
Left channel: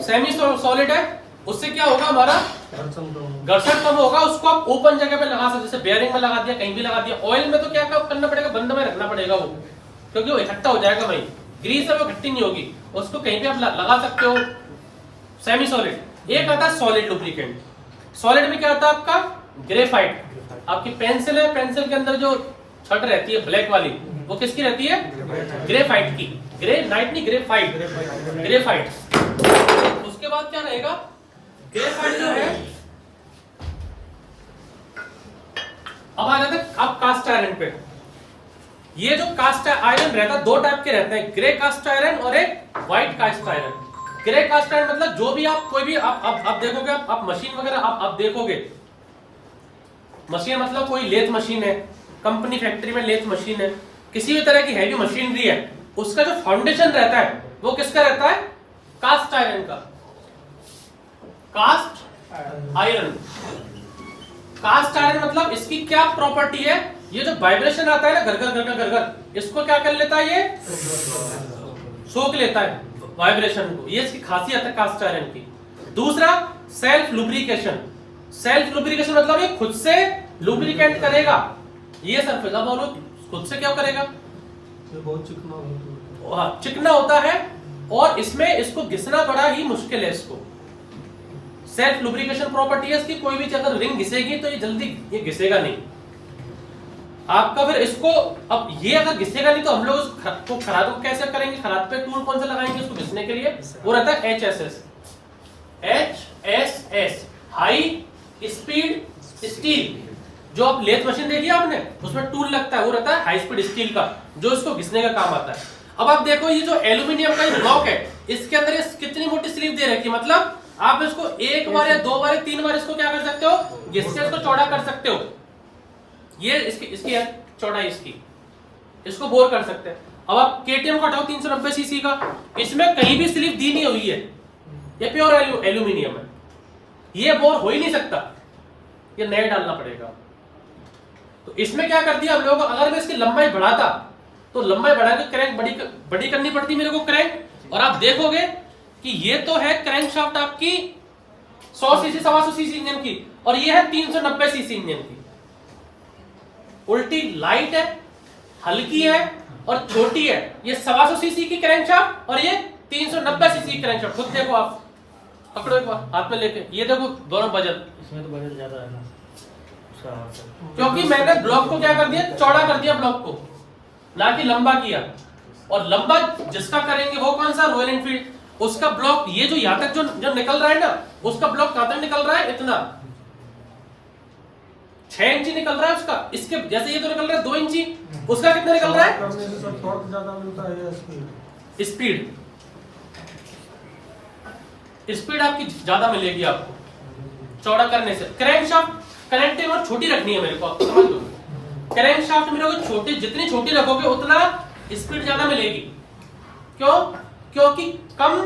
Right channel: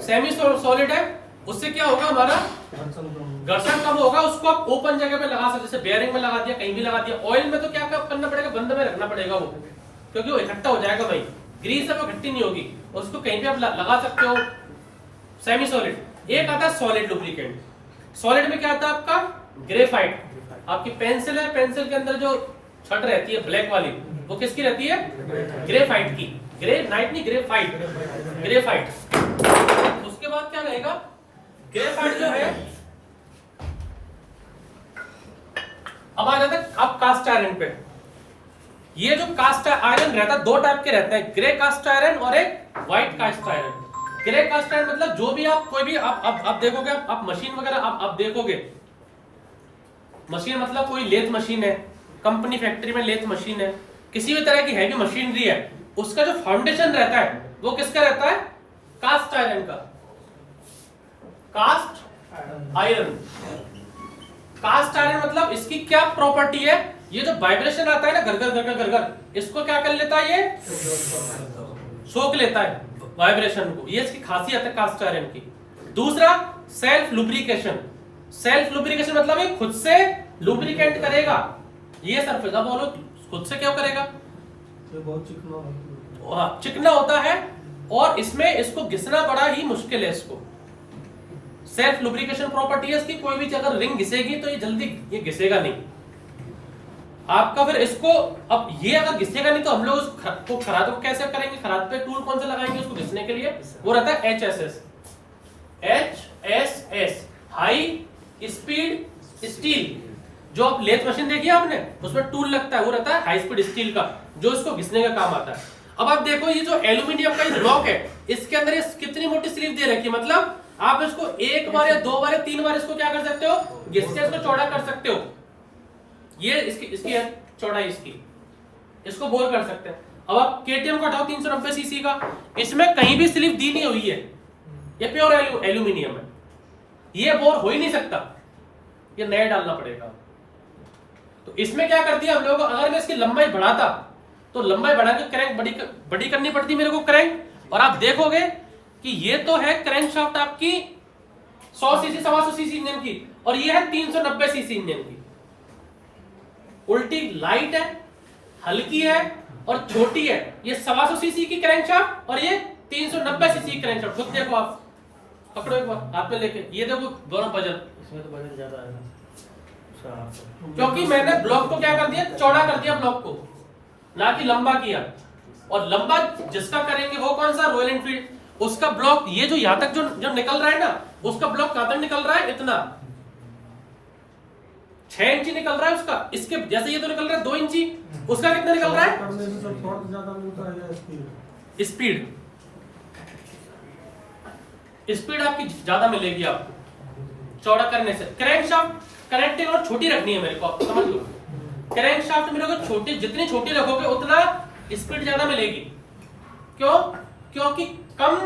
सेमी सॉलिड है, उससे क्या होगा, हमारा घर्षण कम होगा, उसको आप ओपन जगह पे लगा सकते, जैसे बेयरिंग में लगा दिया, कहीं भी लगा दिया। ऑयल में तो क्या करना पड़ेगा, बंद में रखना पड़ेगा वो, क्योंकि वो इकट्ठा हो जाएगा भाई। ग्रीस है वो इकट्ठी नहीं होगी, उसको कहीं पे आप लगा सकते हो, सेमी सॉलिड। एक आता है सॉलिड लुब्रिकेंट। सॉलिड में क्या आता है आपका, ग्रेफाइट। आपकी पेंसिल है, पेंसिल के अंदर जो छट रहती है ब्लैक वाली, वो किसकी रहती है, ग्रेफाइट की। ग्रेनाइट नहीं, ग्रेफाइट, ग्रेफाइट। उसके बाद क्या रहेगा, ग्रेफाइट जो है, अब आ जाते हैं अब कास्ट आयरन पे। ये जो कास्ट आयरन रहता है, दो टाइप के रहते हैं, ग्रे कास्ट आयरन और एक white cast iron. Grey cast iron मतलब जो भी आप कोई भी आप देखोगे, आप मशीन वगैरह आप देखोगे, मशीन मतलब कोई लेथ मशीन है, कंपनी फैक्ट्री में लेथ मशीन है, किसी भी तरह की हैवी मशीनरी है, उसका जो फाउंडेशन रहता है वो किसका रहता है, कास्ट आयरन का। कास्ट आयरन, कास्ट आयरन मतलब इसकी क्या प्रॉपर्टी है, ये जो वाइब्रेशन आता है ना, घर घर घर, इसको क्या कर लेता है, ये सोख लेता है वाइब्रेशन को, ये इसकी खासियत है कास्ट आयरन की। दूसरा सेल्फ लुब्रिकेशन। सेल्फ लुब्रिकेशन मतलब ये खुद से लुब्रिकेंट करेगा, ये सरफेस, अब बोलो खुद से क्या करेगा, ये बहुत चिकना होता है। हाँ, चिकना होता है, और इसमें इसको घिसना बड़ा ही मुश्किल है। इसको सेल्फ लुब्रिकेशन प्रॉपर्टी है इसकी, कोई भी अगर रिंग घिसेगी तो ये जल्दी ये घिसेगा नहीं आपका। फिर इसको, अब ये अगर घिसेगा नहीं तो हम लोग उसको खराद को कैसे करेंगे, खराद पे टूल कौन सा लगाएंगे उसको घिसने के लिए, वो रहता है HSS, HSS, high speed steel. जो आप लेथ मशीन देखी आपने, उसमें टूल लगता है, वो रहता है हाई स्पीड स्टील का, जो इसको घिसने का काम आता है। अब आप देखो, ये जो एल्यूमिनियम का ब्लॉक है, इसके अंदर ये कितनी मोटी स्लीव दे रखी है, मतलब आप इसको एक बार या दो बार या तीन बार इसको क्या कर सकते हो, घिस के इसको चौड़ा कर सकते हो। ये इसकी है चौड़ाई, इसको बोर कर सकते हैं। अब आप KTM को हटाओ 390 सीसी का, इसमें कहीं भी स्लीव दी नहीं हुई है, ये प्योर एल्यूमिनियम है, ये बोर हो ही नहीं सकता, ये नया डालना पड़ेगा। तो इसमें क्या कर दिया हम लोगों को, अगर मैं इसकी लंबाई बढ़ाता तो लंबाई बढ़ा के क्रैंक बड़ी करनी पड़ती मेरे को क्रैंक, और आप देखोगे कि ये तो है क्रैंक शाफ्ट आपकी 100 सीसी 125 सीसी इंजन की, और ये है 390 सीसी इंजन की। उल्टी लाइट है, हल्की है और छोटी है। ये 125 सीसी की क्रैंक शाफ्ट और ये 390 सीसी की क्रैंक शाफ्ट। खुद देखो, आप पकड़ो एक बार हाथ में लेके, ये देखो दोनों वजन, इसमें तो वजन ज्यादा है ना, क्योंकि मैंने ब्लॉक को क्या कर दिया, चौड़ा कर दिया ब्लॉक को, ना कि लंबा किया। और लंबा जिसका करेंगे वो कौन सा, रॉयल एनफील्ड, उसका ब्लॉक ये जो यहां तक जो निकल रहा है ना, उसका ब्लॉक कहां तक निकल रहा है, इतना 6 इंची निकल रहा है उसका। इसके जैसे ये तो निकल रहा है 2 इंची, उसका कितना निकल रहा है, स्पीड, स्पीड आपकी ज्यादा मिलेगी आपको चौड़ा करने से। क्रैंक शाफ्ट कनेक्टिंग और छोटी रखनी है मेरे को, आप समझ लो। क्रैंक शाफ्ट मेरे को छोटी, जितनी छोटी रखोगे उतना स्पीड ज्यादा मिलेगी। क्यों, क्योंकि कम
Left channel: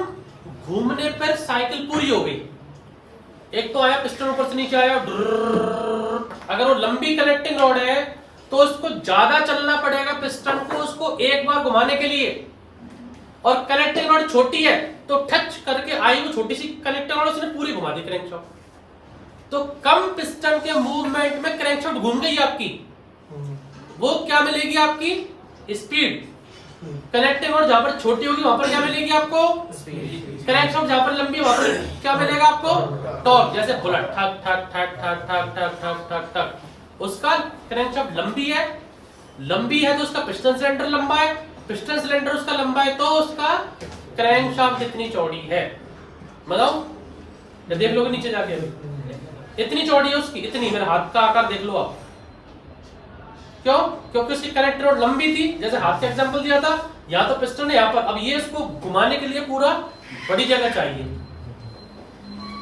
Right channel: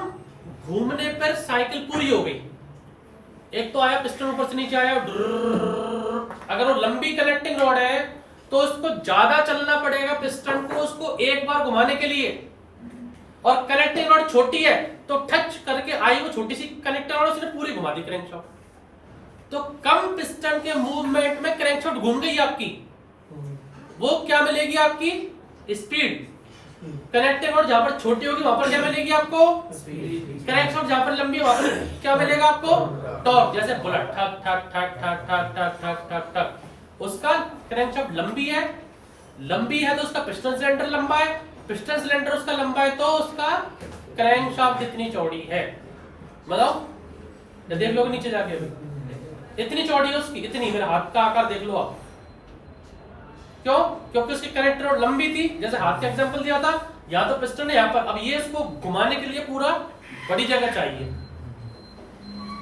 घूमने पर साइकिल पूरी हो गई। एक तो आया पिस्टन ऊपर से नीचे आया, अगर वो लंबी कनेक्टिंग रॉड है तो उसको ज्यादा चलना पड़ेगा पिस्टन को उसको एक बार घुमाने के लिए, और कनेक्टिंग रॉड छोटी है तो टच करके आई वो छोटी सी कनेक्टिंग रॉड, उसने पूरी घुमा दी क्रैंकशाफ्ट। तो कम पिस्टन के मूवमेंट में क्रैंकशाफ्ट घूम गई आपकी, वो क्या मिलेगी आपकी, स्पीड। कनेक्टिंग रॉड जहां पर छोटी होगी वहां पर क्या मिलेगी आपको, क्रैंकशाफ्ट जहां पर लंबी है वहां पर क्या मिलेगा आपको, टॉर्क। जैसे बुलेट ठक ठक ठक ठक ठक ठक ठक ठक ठक, उसका क्रैंकशाफ्ट लंबी है तो उसका पिस्टन सिलेंडर लंबा है, पिस्टन सिलेंडर उसका लंबा है तो उसका क्रैंकशाफ्ट इतनी चौड़ी है। मतलब देख लोगे नीचे जाके, अभी इतनी चौड़ी है उसकी, इतनी, मेरे हाथ का आकार देख लो आप। क्यों, क्योंकि उसकी कनेक्टर रॉड लंबी थी, जैसे हाथ का एग्जांपल दिया था, यहाँ तो पिस्टन है यहाँ पर, अब ये इसको घुमाने के लिए पूरा बड़ी जगह चाहिए,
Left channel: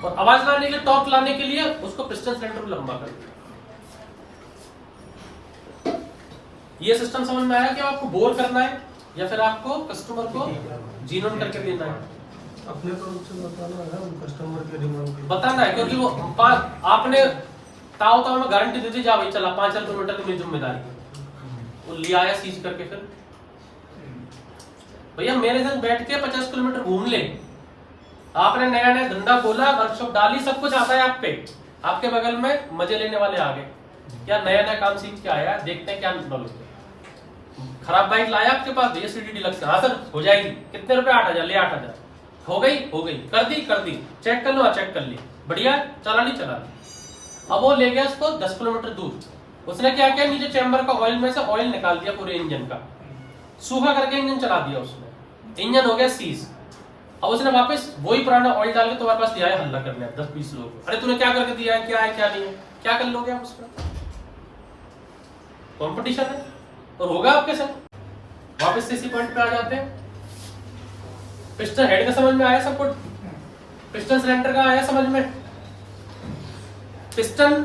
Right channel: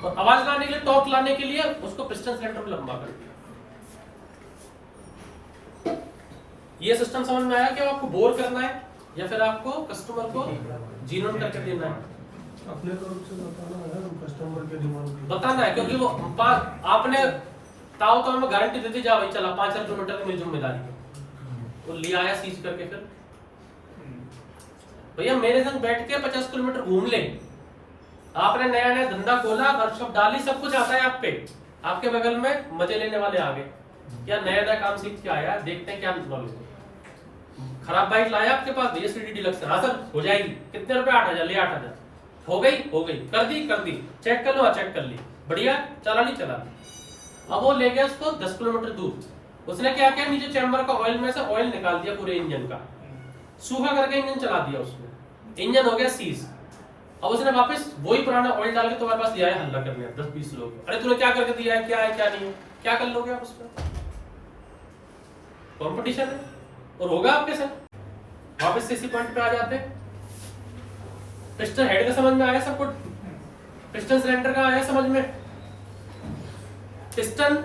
और आवाज लाने के लिए, टॉर्क लाने के लिए उसको पिस्टन सिलेंडर को लंबा कर दिया। ये सिस्टम समझ में आया कि आपको बोर करना है या फिर आपको कस्टमर को जीनोन करके देना है? अपने तरफ से बताना है, कस्टमर के डिमांड बताना है, क्योंकि वो आपने ताऊ में गारंटी दे दी, जा भाई चला 5 किलोमीटर की मेरी जिम्मेदारी है, वो ले आया सीज करके, फिर भैया मेरे संग बैठ के 50 किलोमीटर घूम ले, आपने नया नया धंधा खोला, वर्कशॉप डाली, सब कुछ आता है आप पे, आपके बगल में मजे लेने वाले आ गए, क्या नया नया काम सीख के आया, देखते हैं क्या नॉलेज है। खराब बाइक लाया आपके पास, भैया सीडी डिलक्स, हाँ सर हो जाएगी, कितने रुपए? 8,000, ले 8,000, हो गई, कर दी, चेक कर लो, हाँ चेक कर ली, बढ़िया, चला ली। अब वो ले गया उसको 10 किलोमीटर दूर, उसने क्या किया, नीचे चैम्बर का ऑयल में से ऑयल निकाल दिया पूरे इंजन का, सूखा करके इंजन चला दिया उसने, इंजन हो गया सीज। अब उसने वापस वही पुराना ऑयल डाल के तुम्हारे पास दिया है हल्ला करने 10-20 लोग, अरे तूने क्या करके दिया है, क्या है क्या नहीं, क्या कर लोगे आप उसमें? कंपटीशन है और होगा आपके साथ। वापस से इसी पॉइंट पे आ जाते हैं, पिस्टन हेड का समझ में आया सबको, पिस्टन सिलेंडर का आया समझ में। पिस्टन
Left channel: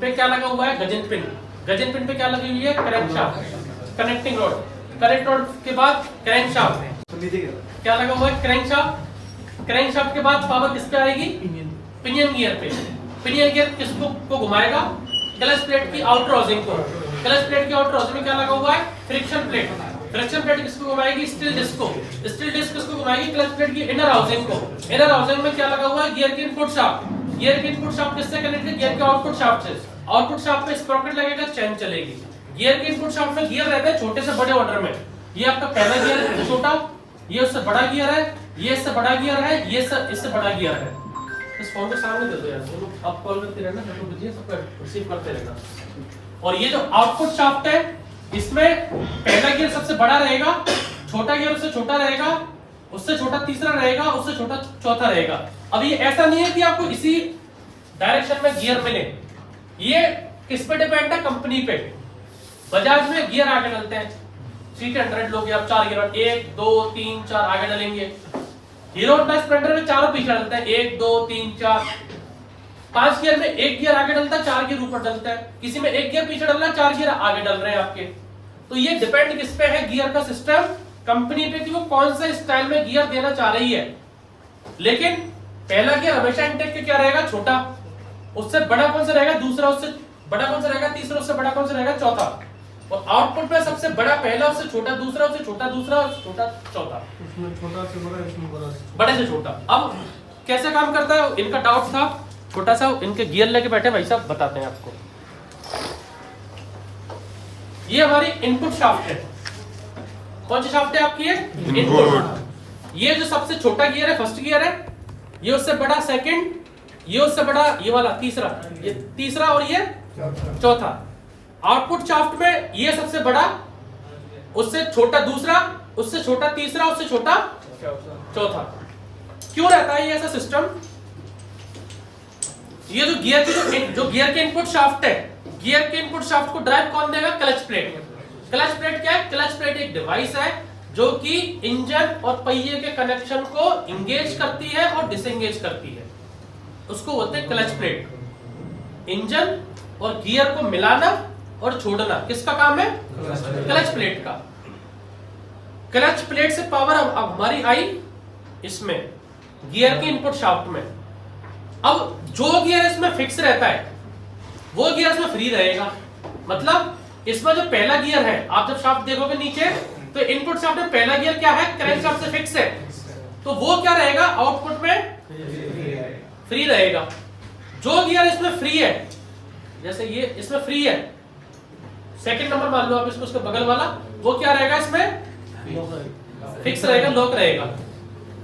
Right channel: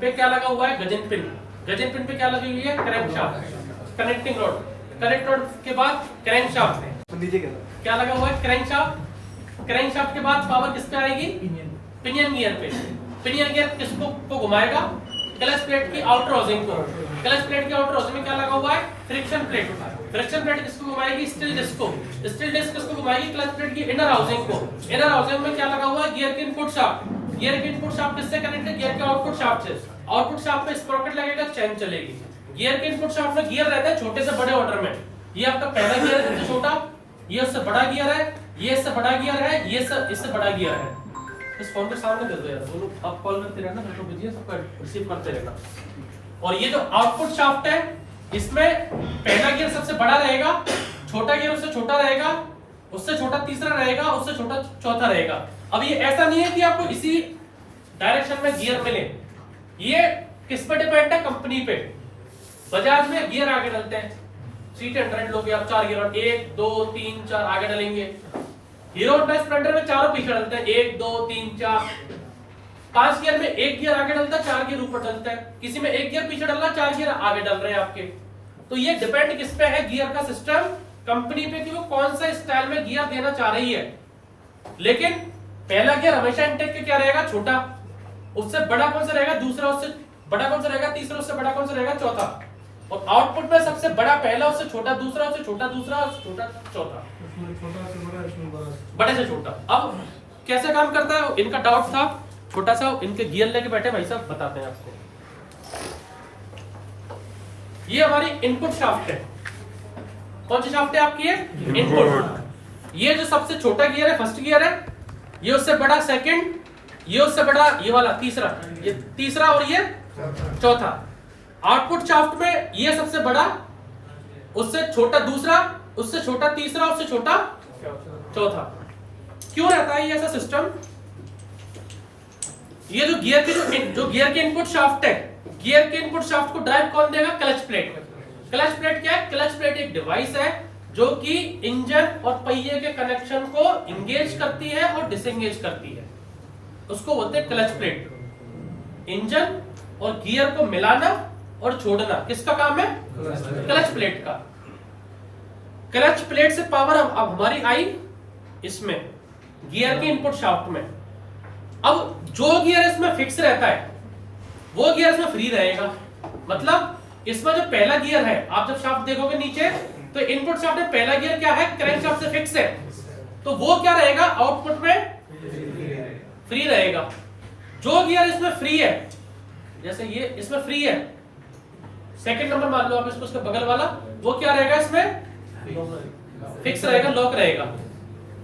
पे क्या लगा हुआ है? गजन पिन, गजन पिन पे क्या लगी हुई है? Crankshaft, connecting rod, connect rod के बाद क्रैंकशाफ्ट, क्या लगा हुआ है? क्रैंकशाफ्ट, क्रैंकशाफ्ट के बाद पावर किस पे आएगी? पिनियन गियर पे, पिनियन गियर किसको को घुमाएगा? क्लच प्लेट की आउटर हाउसिंग को, क्लच प्लेट की आउटर हाउसिंग में क्या लगा हुआ है? फ्रिक्शन प्लेट, फ्रिक्शन प्लेट किसको घुमाएगी? स्टील डिस्क को, स्टील डिस्क किसको घुमाएगी? क्लच प्लेट की इनर हाउसिंग को, इनर हाउसिंग में क्या लगा हुआ है? गियर की इनपुट शाफ्ट, गियर की इनपुट शाफ्ट किससे कनेक्ट है? गियर के आउटपुट शाफ्ट से, आउटपुट शाफ्ट पे स्प्रॉकेट लगेगा, चैन चलेगी। गियर के इनपुट शाफ्ट में गियर रहते हैं छोटे से बड़े ऑर्डर में, ये आपका पहला गियर है छोटा, ये उससे बड़ा गियर है, ये इससे बड़ा गियर है, ये इससे बड़ा गियर है। इस फॉर्म के सामने दे दो यार, वो लोग आप कॉल करते रहना, फोटो भेजिए, सबका रिसीव करते रहना। और ये जो आउटपुट शाफ्ट है, इसमें पहला गियर सबसे बड़ा रहेगा, छोटा गियर उससे छोटा रहेगा, उससे छोटा तीसरा रहेगा, उससे छोटा चौथा रहेगा। अब ये ऐसा नहीं है कि आपको इसी डायरेक्शन में गियर मिले, ये किस पे डिपेंड है? कंपनी पे। बजाज में गियर आगे डलते हैं, CT100 लोगे आप 4 गियर, 1 2 3 4 आगे डलेंगे। हीरो होंडा स्प्लेंडर में चारों पीछे डलते हैं, 1 2 3 4। 5 गियर में 1 गियर आगे डलता है, 4 गियर ऊपर डलते हैं, किसी में 1 गियर पीछे डल रहा है, 4 गियर आगे डल रहे हैं आपके। तो ये डिपेंड किस पे है? गियर का सिस्टम, कंपनी पे, कि वो कौन सा स्टाइल में गियर देना चाह रही है। लेकिन पहला गियर हमेशा इनटेक के क्या रहेगा? छोटा, उससे बड़ा कौन सा रहेगा? दूसरा, उससे बड़ा कौन सा रहेगा? तीसरा, उससे बड़ा कौन सा रहेगा? चौथा। और आउटपुट में सबसे बड़ा पहला, उससे छोटा दूसरा, उससे छोटा दूसरा, उससे छोटा चौथा, उसमें छोटा से बड़ा, इसमें बड़ा से बड़े से छोटा। अब कैसे काम करता है? इनका डाउट था छोटा सा, इनके गियर लेके बैठे भाई साहब, बताते हैं आपको। ये हमारी इनपुट शाफ्ट है, कौन सी शाफ्ट है आपकी? इनपुट। ये जो सबसे छोटा गियर है, फर्स्ट गियर है, ये उससे बड़ा सेकंड, ये उससे बड़ा ये वाला तीसरा, ये तीसरा, और ये चौथा। आउटपुट शाफ्ट में ये सबसे बड़ा, उससे छोटा दूसरा, उससे छोटा तीसरा, उससे छोटा चौथा। क्यों रहता है ये ऐसा सिस्टम? ये जो गियर की जो गियर के इनपुट शाफ्ट है, गियर के इनपुट शाफ्ट को ड्राइव कौन देगा? Clutch plate. क्लच प्लेट क्या है? क्लच प्लेट एक डिवाइस है जो कि इंजन और पहिए के कनेक्शन को इंगेज करती है और डिसएंगेज करती है, उसको बोलते हैं क्लच प्लेट। इंजन और गियर को मिलाना और छोड़ना किसका काम है? क्लच प्लेट का। क्लच प्लेट से पावर अब हमारी आई इसमें, गियर के इनपुट शाफ्ट में। अब जो गियर इसमें फिक्स रहता है वो गियर इसमें फ्री रहेगा। मतलब इसमें जो पहला गियर है, आप जब शाफ्ट देखोगे नीचे तो इनपुट शाफ्ट में पहला गियर क्या है? क्रैंक शाफ्ट से फिक्स है, तो वो क्या रहेगा? आउटपुट में फ्री रहेगा। जो गियर इसमें फ्री है, जैसे ये इसमें फ्री है, सेकंड नंबर मान लो आप इसको, उसका बगल वाला, वो क्या रहेगा? इसमें फिक्स रहेगा, लॉक रहेगा।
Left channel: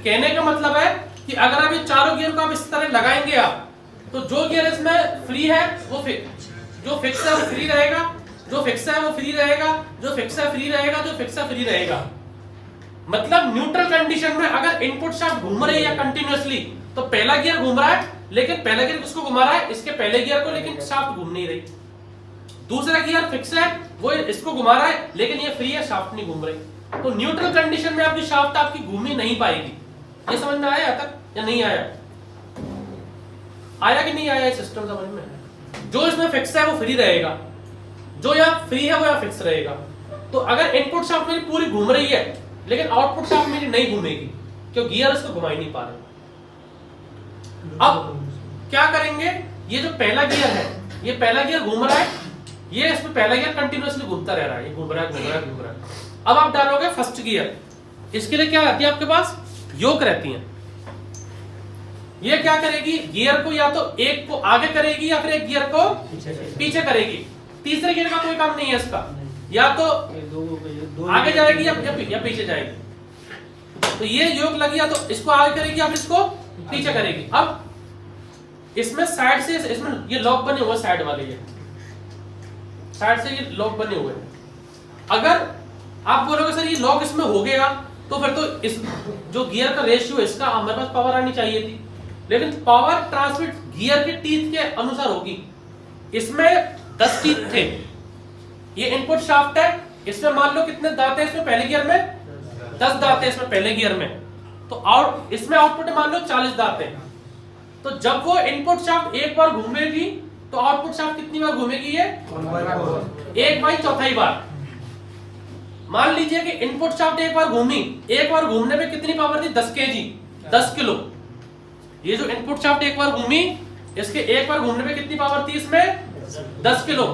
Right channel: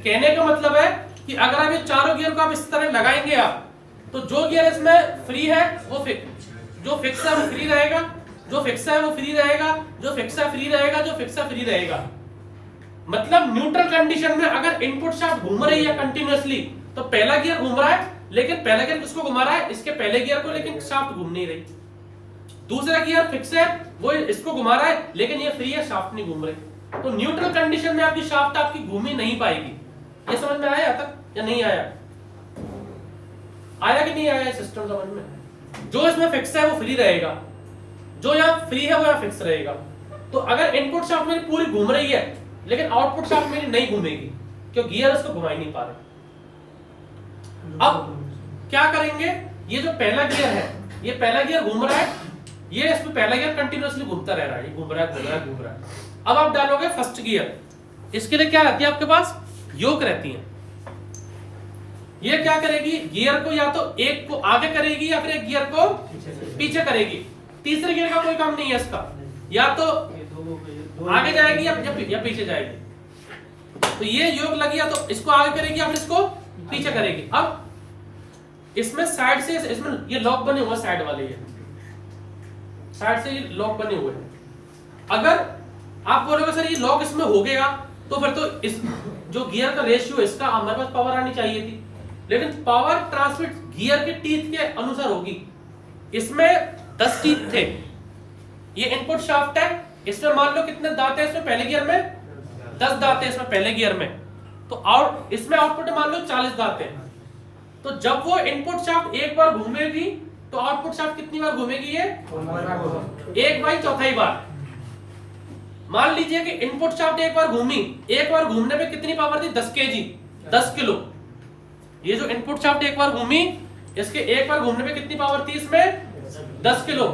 कहने का मतलब है कि अगर आप ये चारों गियर को आप इस तरह लगाएंगे आप, तो जो गियर इसमें फ्री है वो जो फिक्स है वो फ्री रहेगा, जो फिक्स है वो फ्री रहेगा, जो फिक्स है फ्री रहेगा, जो फिक्स है फ्री रहेगा। मतलब न्यूट्रल कंडीशन में अगर इनपुट शाफ्ट घूम रही है कंटिन्यूअसली, तो पहला गियर घूम रहा है, लेकिन पहला गियर किसको घुमा रहा है? इसके पहले गियर को, लेकिन शाफ्ट घूम नहीं रही। दूसरा गियर फिक्स है, वो इसको घुमा रहा है, लेकिन ये फ्री है, शाफ्ट नहीं घूम रही। तो न्यूट्रल कंडीशन में आपकी शाफ्ट आपकी घूम ही नहीं पाएगी। ये समझ में आया तक या नहीं आया? आया कि नहीं आया? सिस्टम समझ में? जो इसमें फिक्स है वो फ्री रहेगा, जो यहाँ फ्री है वो यहाँ फिक्स रहेगा। तो अगर इनपुट शाफ्ट मेरी पूरी घूम रही है लेकिन आउटपुट शाफ्ट मेरी नहीं घूमेगी क्योंकि गियर इसको घुमा ही नहीं पा रहे। अब क्या करेंगे, ये जो पहला गियर है, ये पहला गियर घूम रहा है, ये इसमें पहला गियर कंटिन्यूअसली घूमता रह रहा है, ये घूम रहा है घूम रहा है घूम रहा है। अब आप डालोगे फर्स्ट गियर, इसके लिए क्या रहती है आपके पास? योक रहती है। ये क्या करेगी, गियर को या तो एक को आगे करेगी या फिर एक गियर को पीछे करेगी। तीसरे गियर का कोई काम नहीं है इसका, या तो आगे जाएगी या पीछे जाएगी। तो ये योक लगी, या तो इसको आगे करेगी या फिर इसको पीछे करेगी। अब इसमें साइड से, इसमें ये लॉक बने हुए साइड वाले, ये साइड से ये लॉक बने हुए। अगर आप बोलोगे सर ये लॉक इसमें हो गया तो फिर तो इस जो गियर का रेशियो है इसका हमारे पास पावर आनी चाहिए थी, लेकिन पावर ट्रांसमिट गियर के टीथ के अनुसार होगी। इसमें 10 टीथ थे, ये इनपुट शाफ्ट है, इसमें मान लो कितने दांत है इसमें पहले गियर में? 10 दांत है इसमें पहले गियर में। तो इसमें आउटपुट मान लो 40 दांत है। तो जब वो इनपुट शाफ्ट एक बार घूमेगी तो आउटपुट शाफ्ट कितनी बार घूमेगी? ये 1/4 बार। मान लीजिए कि इनपुट शाफ्ट एक बार घूमी, एक बार घूमने पे कितनी पावर थी? 10 kg, 10 किलो। ये जो इनपुट शाफ्ट एक बार घूमी, इसके एक बार घूमने पे कितनी पावर थी इसमें? 10 किलो।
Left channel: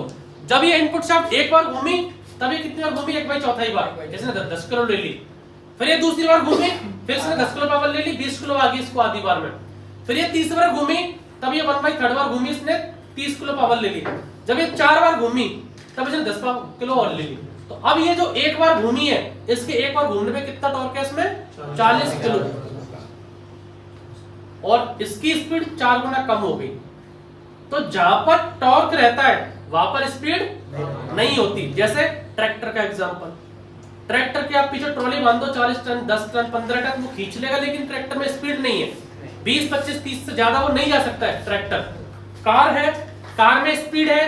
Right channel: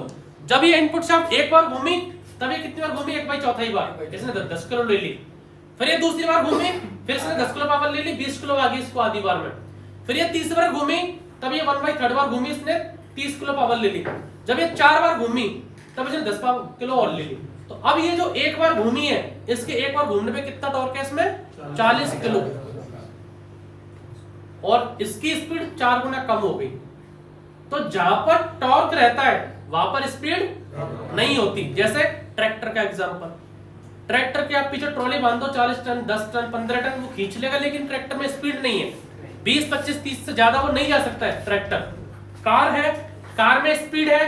जब ये इनपुट शाफ्ट एक बार घूमी तब ये कितनी बार घूमी? 1/4 बार, इसने 10 किलो ले ली। फिर ये दूसरी बार घूमी, फिर इसने 10 किलो पावर ले ली, 20 किलो आ गई इसको आधी बार में। फिर ये तीसरी बार घूमी, तब ये 1/3 बार घूमी, इसने 30 किलो पावर ले ली। जब ये 4 बार घूमी तब इसने 10 किलो और ले ली। तो अब ये जो एक बार घूमी है, इसके एक बार घूमने पे कितना टॉर्क है इसमें? 40 किलो। और इसकी स्पीड 4 गुना कम हो गई। तो जहां पर टॉर्क रहता है वहां पर स्पीड नहीं होती। जैसे ट्रैक्टर का एग्जांपल, ट्रैक्टर के आप पीछे ट्रॉली बांध दो, 40 टन 10 टन 15 टन वो खींच लेगा, लेकिन ट्रैक्टर में स्पीड नहीं है। 20 25 30 से ज्यादा वो नहीं जा सकता है ट्रैक्टर। कार है, कार में स्पीड है,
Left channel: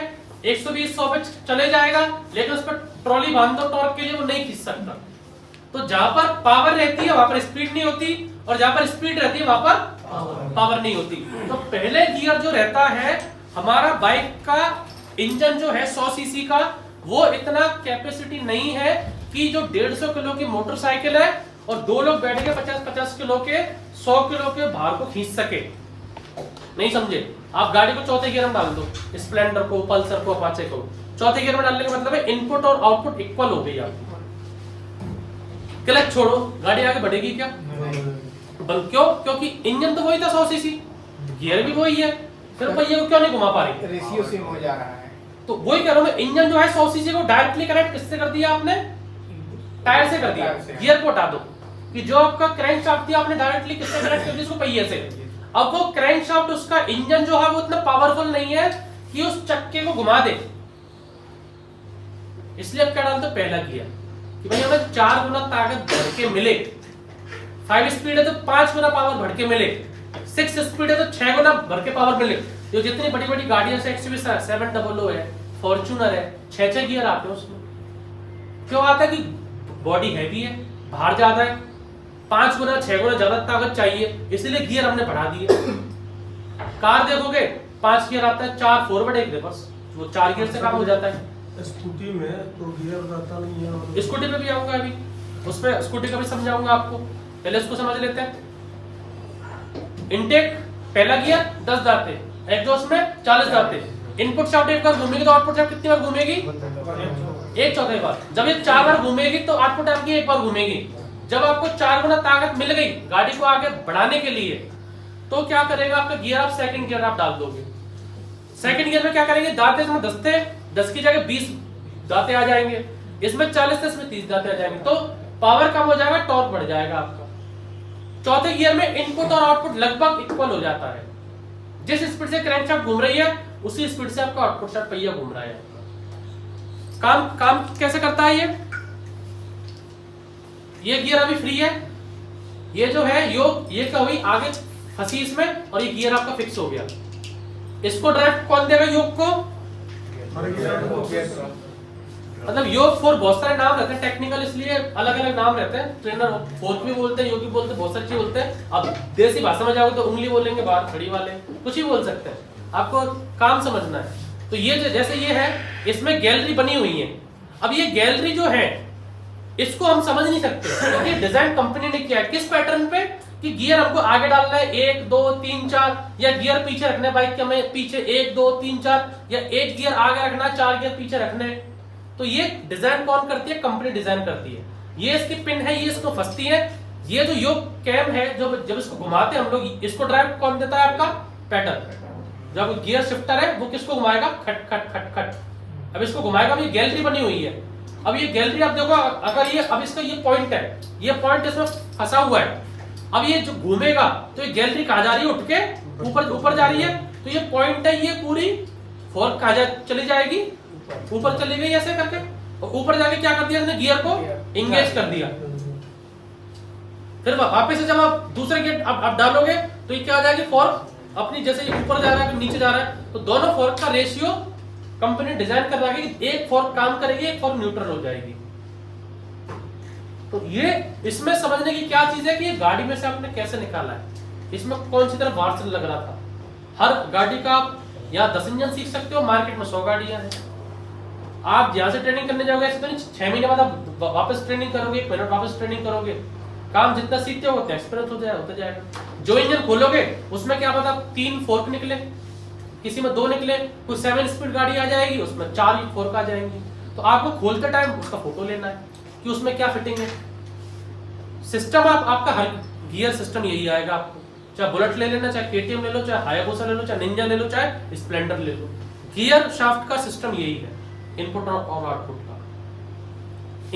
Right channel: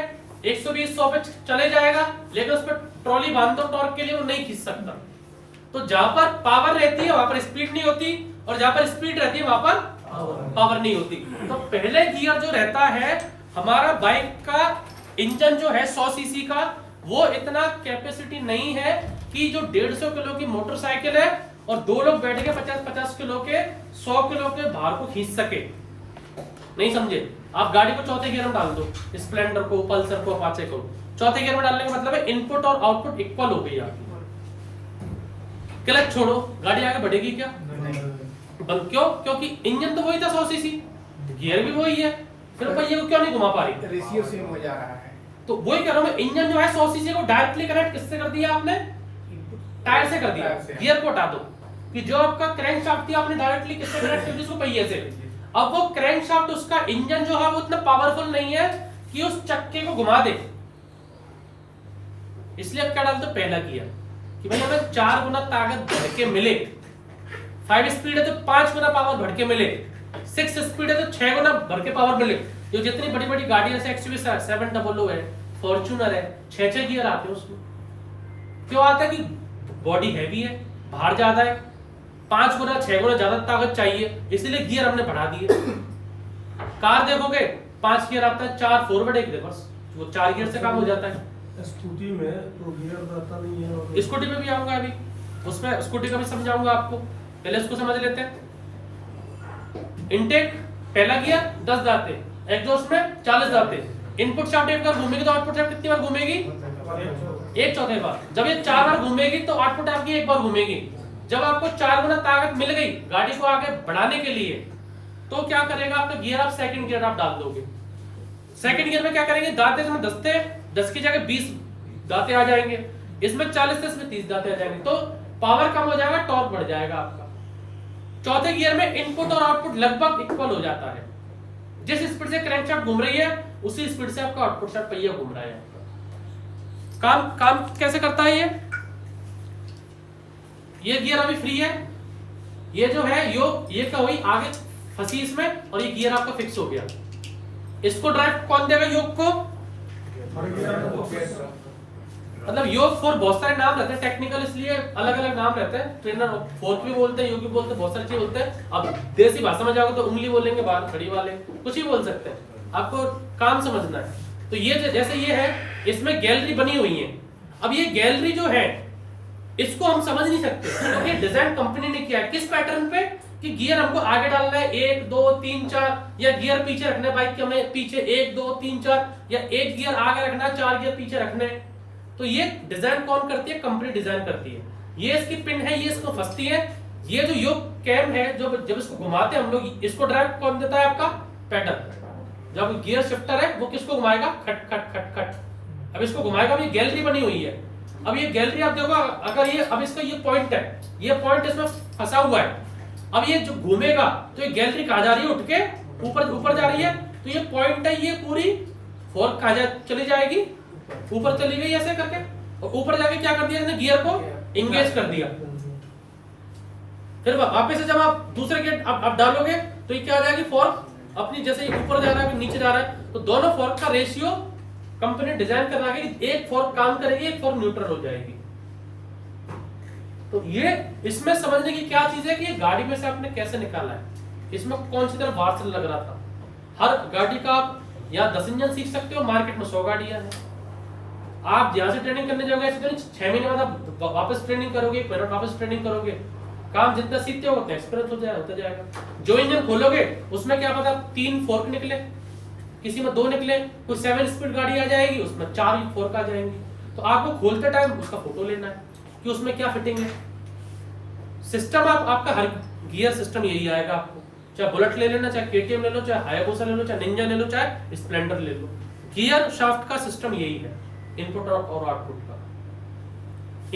120 100 पे चले जाएगा, लेकिन उस पर ट्रॉली बांध दो टॉर्क के लिए, वो नहीं खींच सकता। तो जहां पर पावर रहती है वहां पर स्पीड नहीं होती, और जहां पर स्पीड रहती है वहां पर पावर नहीं होती। तो पहले गियर जो रहता है हमारा बाइक का इंजन जो है 100 सीसी का, वो इतना कैपेसिटी नहीं है कि जो 150 किलो की मोटरसाइकिल है और 2 लोग बैठ के 50-50 किलो के 100 किलो के भार को खींच सके। नहीं समझे? आप गाड़ी को चौथे गियर में डाल दो, स्प्लेंडर को, पल्सर को, अपाचे को चौथे गियर में डालने का मतलब है इनपुट और आउटपुट इक्वल हो गई आपकी। क्लच छोड़ो, गाड़ी आगे बढ़ेगी क्या? क्यों? क्योंकि इंजन तो वही था 100 सीसी, गियर भी वही है, फिर पहिए को क्यों नहीं घुमा पा रही? रेशियो सेम हो जा रहा है। तो वही कह रहा हूं मैं, इंजन जो है 100 सीसी को डायरेक्टली कनेक्ट किससे कर दिया आपने? टायर से कर दिया। गियर को हटा दो कि जो आपका क्रैंक शाफ्ट थी आपने डायरेक्टली किससे कनेक्ट कर दी? इसको पहिए से। अब वो क्रैंक शाफ्ट, उसका इंजन जो है वो इतना पावरफुल नहीं है कि उस चक्के को घुमा दे। इसलिए अब क्या डालते हो? पहला गियर, कि भाई हमें 4 गुना ताकत भर के मिले। 5 स्पीड है तो 5 गुना पावर भर के मिले, 6 स्पीड है तो 6 गुना भर के पावर मिले। जो जितनी बड़ी बड़ी गाड़ियां जैसे एक्सयूवी 700 है, फॉर्च्यूनर है, 6 गियर आते हैं उसमें। क्यों आता है? कि बॉडी हैवी है, भार ज्यादा है, 5 गुना 6 गुना ज्यादा ताकत चाहिए, इसलिए गियर हमने बढ़ा दिए। कार देखोगे 5 गियर आता है, 4 फॉरवर्ड 1 रिवर्स, वो 4 गियर से काम हो जाता है। स्कूटी में तो गियर रहता नहीं है। स्कूटी पे भी आऊंगा अभी, उसमें स्कूटी का भी समझाऊंगा आपको, पहले उसको समझ लेते हैं। इनटेक पहला गियर 10 दांत है, एग्जॉस्ट में 40 दांत है। इनपुट शाफ्ट एक बार घूमेगी तो आउटपुट शाफ्ट कितनी बार घूमेगी? 1/4 बार। जब ये 4 बार घूमेगी तो आउटपुट आपकी 1 बार घूमेगी। जब आपको 4 गुना ताकत मिल गई गाड़ी को आगे बढ़ाने के लिए, तो क्या करेगा आपका गियर? आप सेकंड गियर आप डाल दोगे। सेकंड गियर में क्या करेंगे? दांते इसमें 10 थे, 10 की जगह 20 दांते आ जाएंगे, इसमें 40 थे, इसमें 30 दांते आ जाएंगे। तो पावर कम हो जाएगा, टॉर्क बढ़ जाएगा आपका। चौथे गियर में इनपुट और आउटपुट लगभग इक्वल हो जाता है। जिस स्पीड से क्रैंकशाफ्ट घूम रही है उसी स्पीड से आपका आउटपुट शाफ्ट पहिया घूम रहा है। काम कैसे करता है ये गियर अभी फ्री है, ये जो है ये क्या हुई? आगे फंसी इसमें, और ये गियर आपका फिक्स हो गया। इसको ड्राइव कौन देगा? योग को मतलब योग फोर्क बहुत सारे नाम रहते हैं टेक्निकल, इसलिए अलग अलग नाम रहते हैं। ट्रेनर फोर्क भी बोलते हैं, योग भी बोलते हैं, बहुत सारी चीज बोलते हैं। अब देसी भाषा में जाओगे तो उंगली बोलेंगे, बाहर खड़ी वाले कुछ ही बोल सकते हैं, आपको काम समझना है। तो ये जैसे ये है, इसमें गैलरी बनी हुई है। अब ये गैलरी जो है इसको हम समझ नहीं सकते, क्योंकि डिजाइन कंपनी ने किया है किस पैटर्न पे, कि गियर हमको आगे डालना है 1 2 3 4, या गियर पीछे रखने बाइक के हमें पीछे 1 2 3 4, या 1 गियर आगे रखना है 4 गियर पीछे रखने। तो ये डिजाइन कौन करती है? कंपनी डिजाइन करती है। ये इसकी पिन है, ये इसको फंसती है। ये जो योग कैम है, जब इसको घुमाते हैं हम लोग, इसको ड्राइव कौन देता है? आपका पैडल। जब गियर शिफ्टर है वो किसको घुमाएगा? खट खट खट खट। अब इसको घुमाएगा, अब ये गैलरी बनी हुई है। अब ये गैलरी आप देखो, अगर ये अब इसका ये पॉइंट है, ये पॉइंट इसमें फंसा हुआ है। अब ये जो घूमेगा तो ये गैलरी कहाँ जा रही है? उठ के ऊपर जा रही है। तो ये पॉइंट है, ये पूरी फोर्क कहाँ चली जाएगी? ऊपर चली गई ऐसे करके, और ऊपर जाके क्या कर दिया इसने? गियर को इंगेज कर दिया। फिर वापस से जब आप दूसरे गियर आप डालोगे तो ये क्या हो जाएगी? फोर्क अपनी जैसे ऊपर जा रहा है नीचे जा रहा है, तो दोनों फोर्क का रेशियो कंपनी डिजाइन कर रहा है कि एक फोर्क काम करेगी, एक फोर्क न्यूट्रल हो जाएगी। तो ये इसमें समझने की क्या चीज है कि ये गाड़ी में से आपने कैसे निकाला है, इसमें कौन सी तरह वार्सल लग रहा था। हर गाड़ी का आप यहाँ 10 इंजन सीख सकते हो, मार्केट में 100 गाड़ियां हैं। आप यहाँ से ट्रेनिंग करने जाओगे ऐसे तो नहीं 6 महीने बाद आप वापस ट्रेनिंग करोगे, 1 महीने वापस ट्रेनिंग करोगे। काम जितना सीखते हो उतना एक्सपीरियंस होता जाएगा। जो इंजन खोलोगे उसमें क्या पता 3 फोर्क निकले, किसी में 2 निकले, कोई 7 स्पीड गाड़ी आ जाएगी उसमें 4 फोर्क आ जाएंगी। तो आपको खोलते टाइम उसका फोटो लेना है कि उसमें क्या फिटिंग है। सिस्टम आपका हर गियर सिस्टम यही आएगा आपको, चाहे बुलेट ले लेना, चाहे केटीएम ले लो, चाहे हायाबुसा ले लो, चाहे निंजा ले लो, चाहे स्प्लेंडर ले लो। गियर शाफ्ट का सिस्टम यही है, इनपुट और आउटपुट का।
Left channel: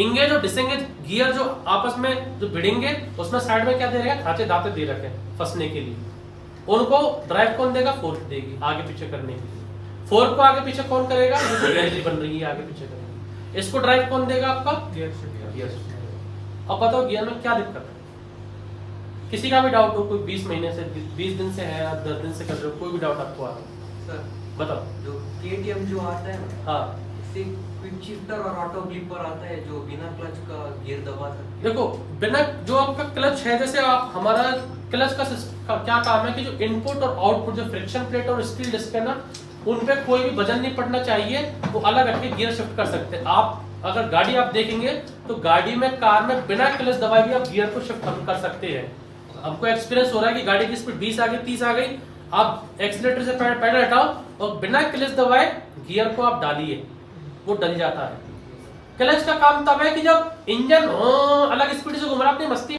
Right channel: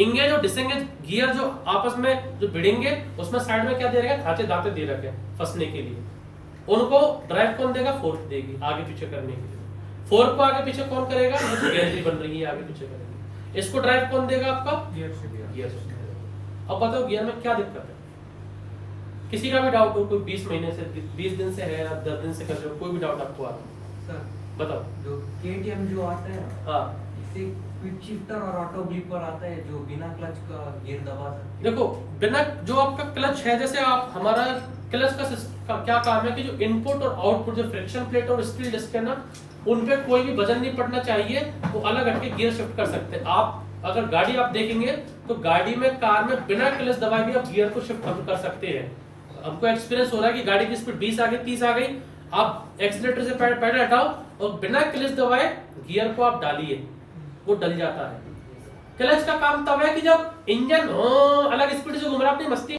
इंगेज और डिसएंगेज गियर जो आपस में जो भिड़ेंगे, उसमें साइड में क्या दे रखे? खांचे दांते दे रखे हैं फंसने के लिए। उनको ड्राइव कौन देगा? फोर्क देगी आगे पीछे करने के लिए। फोर्क को आगे पीछे कौन करेगा? जो गैलरी बन रही है आगे पीछे करेगी। इसको ड्राइव कौन देगा? आपका गियर शिफ्ट। अब बताओ गियर में क्या दिक्कत है? किसी का भी डाउट हो, कोई 20 महीने से 20 दिन से है या 10 दिन से कर रहे हो, कोई भी डाउट आपको आ रहा है सर, बताओ। जो केटीएम जो आता है ना, हाँ, इससे क्विक शिफ्टर और ऑटो ब्लिपर आता है जो बिना क्लच का गियर दबा सकते हैं। देखो बिना जो आपका क्लच है, जैसे आप हमारा क्लच का क्या काम है कि जो इनपुट और आउटपुट, जो फ्रिक्शन प्लेट और स्टील डिस्क है ना, उन पे कोई भी वजन नहीं पड़ना चाहिए, वो अलग हटके गियर शिफ्ट कर सकते हैं। आप अगर गाड़ी आप देखेंगे तो गाड़ी में, कार में बिना क्लच दबाए भी आप गियर को शिफ्ट कर सकते हैं। हमको एक्सपीरियंस हो रहा है कि गाड़ी की स्पीड 20 आ गई, 30 आ गई, आप एक्सीलरेटर से पैडल हटाओ और बिना क्लच दबाए गियर को आप डालिए, वो डल जाता है। क्लच का काम तब है कि जब इंजन अलग स्पीड से घूम रहा है अपनी मस्ती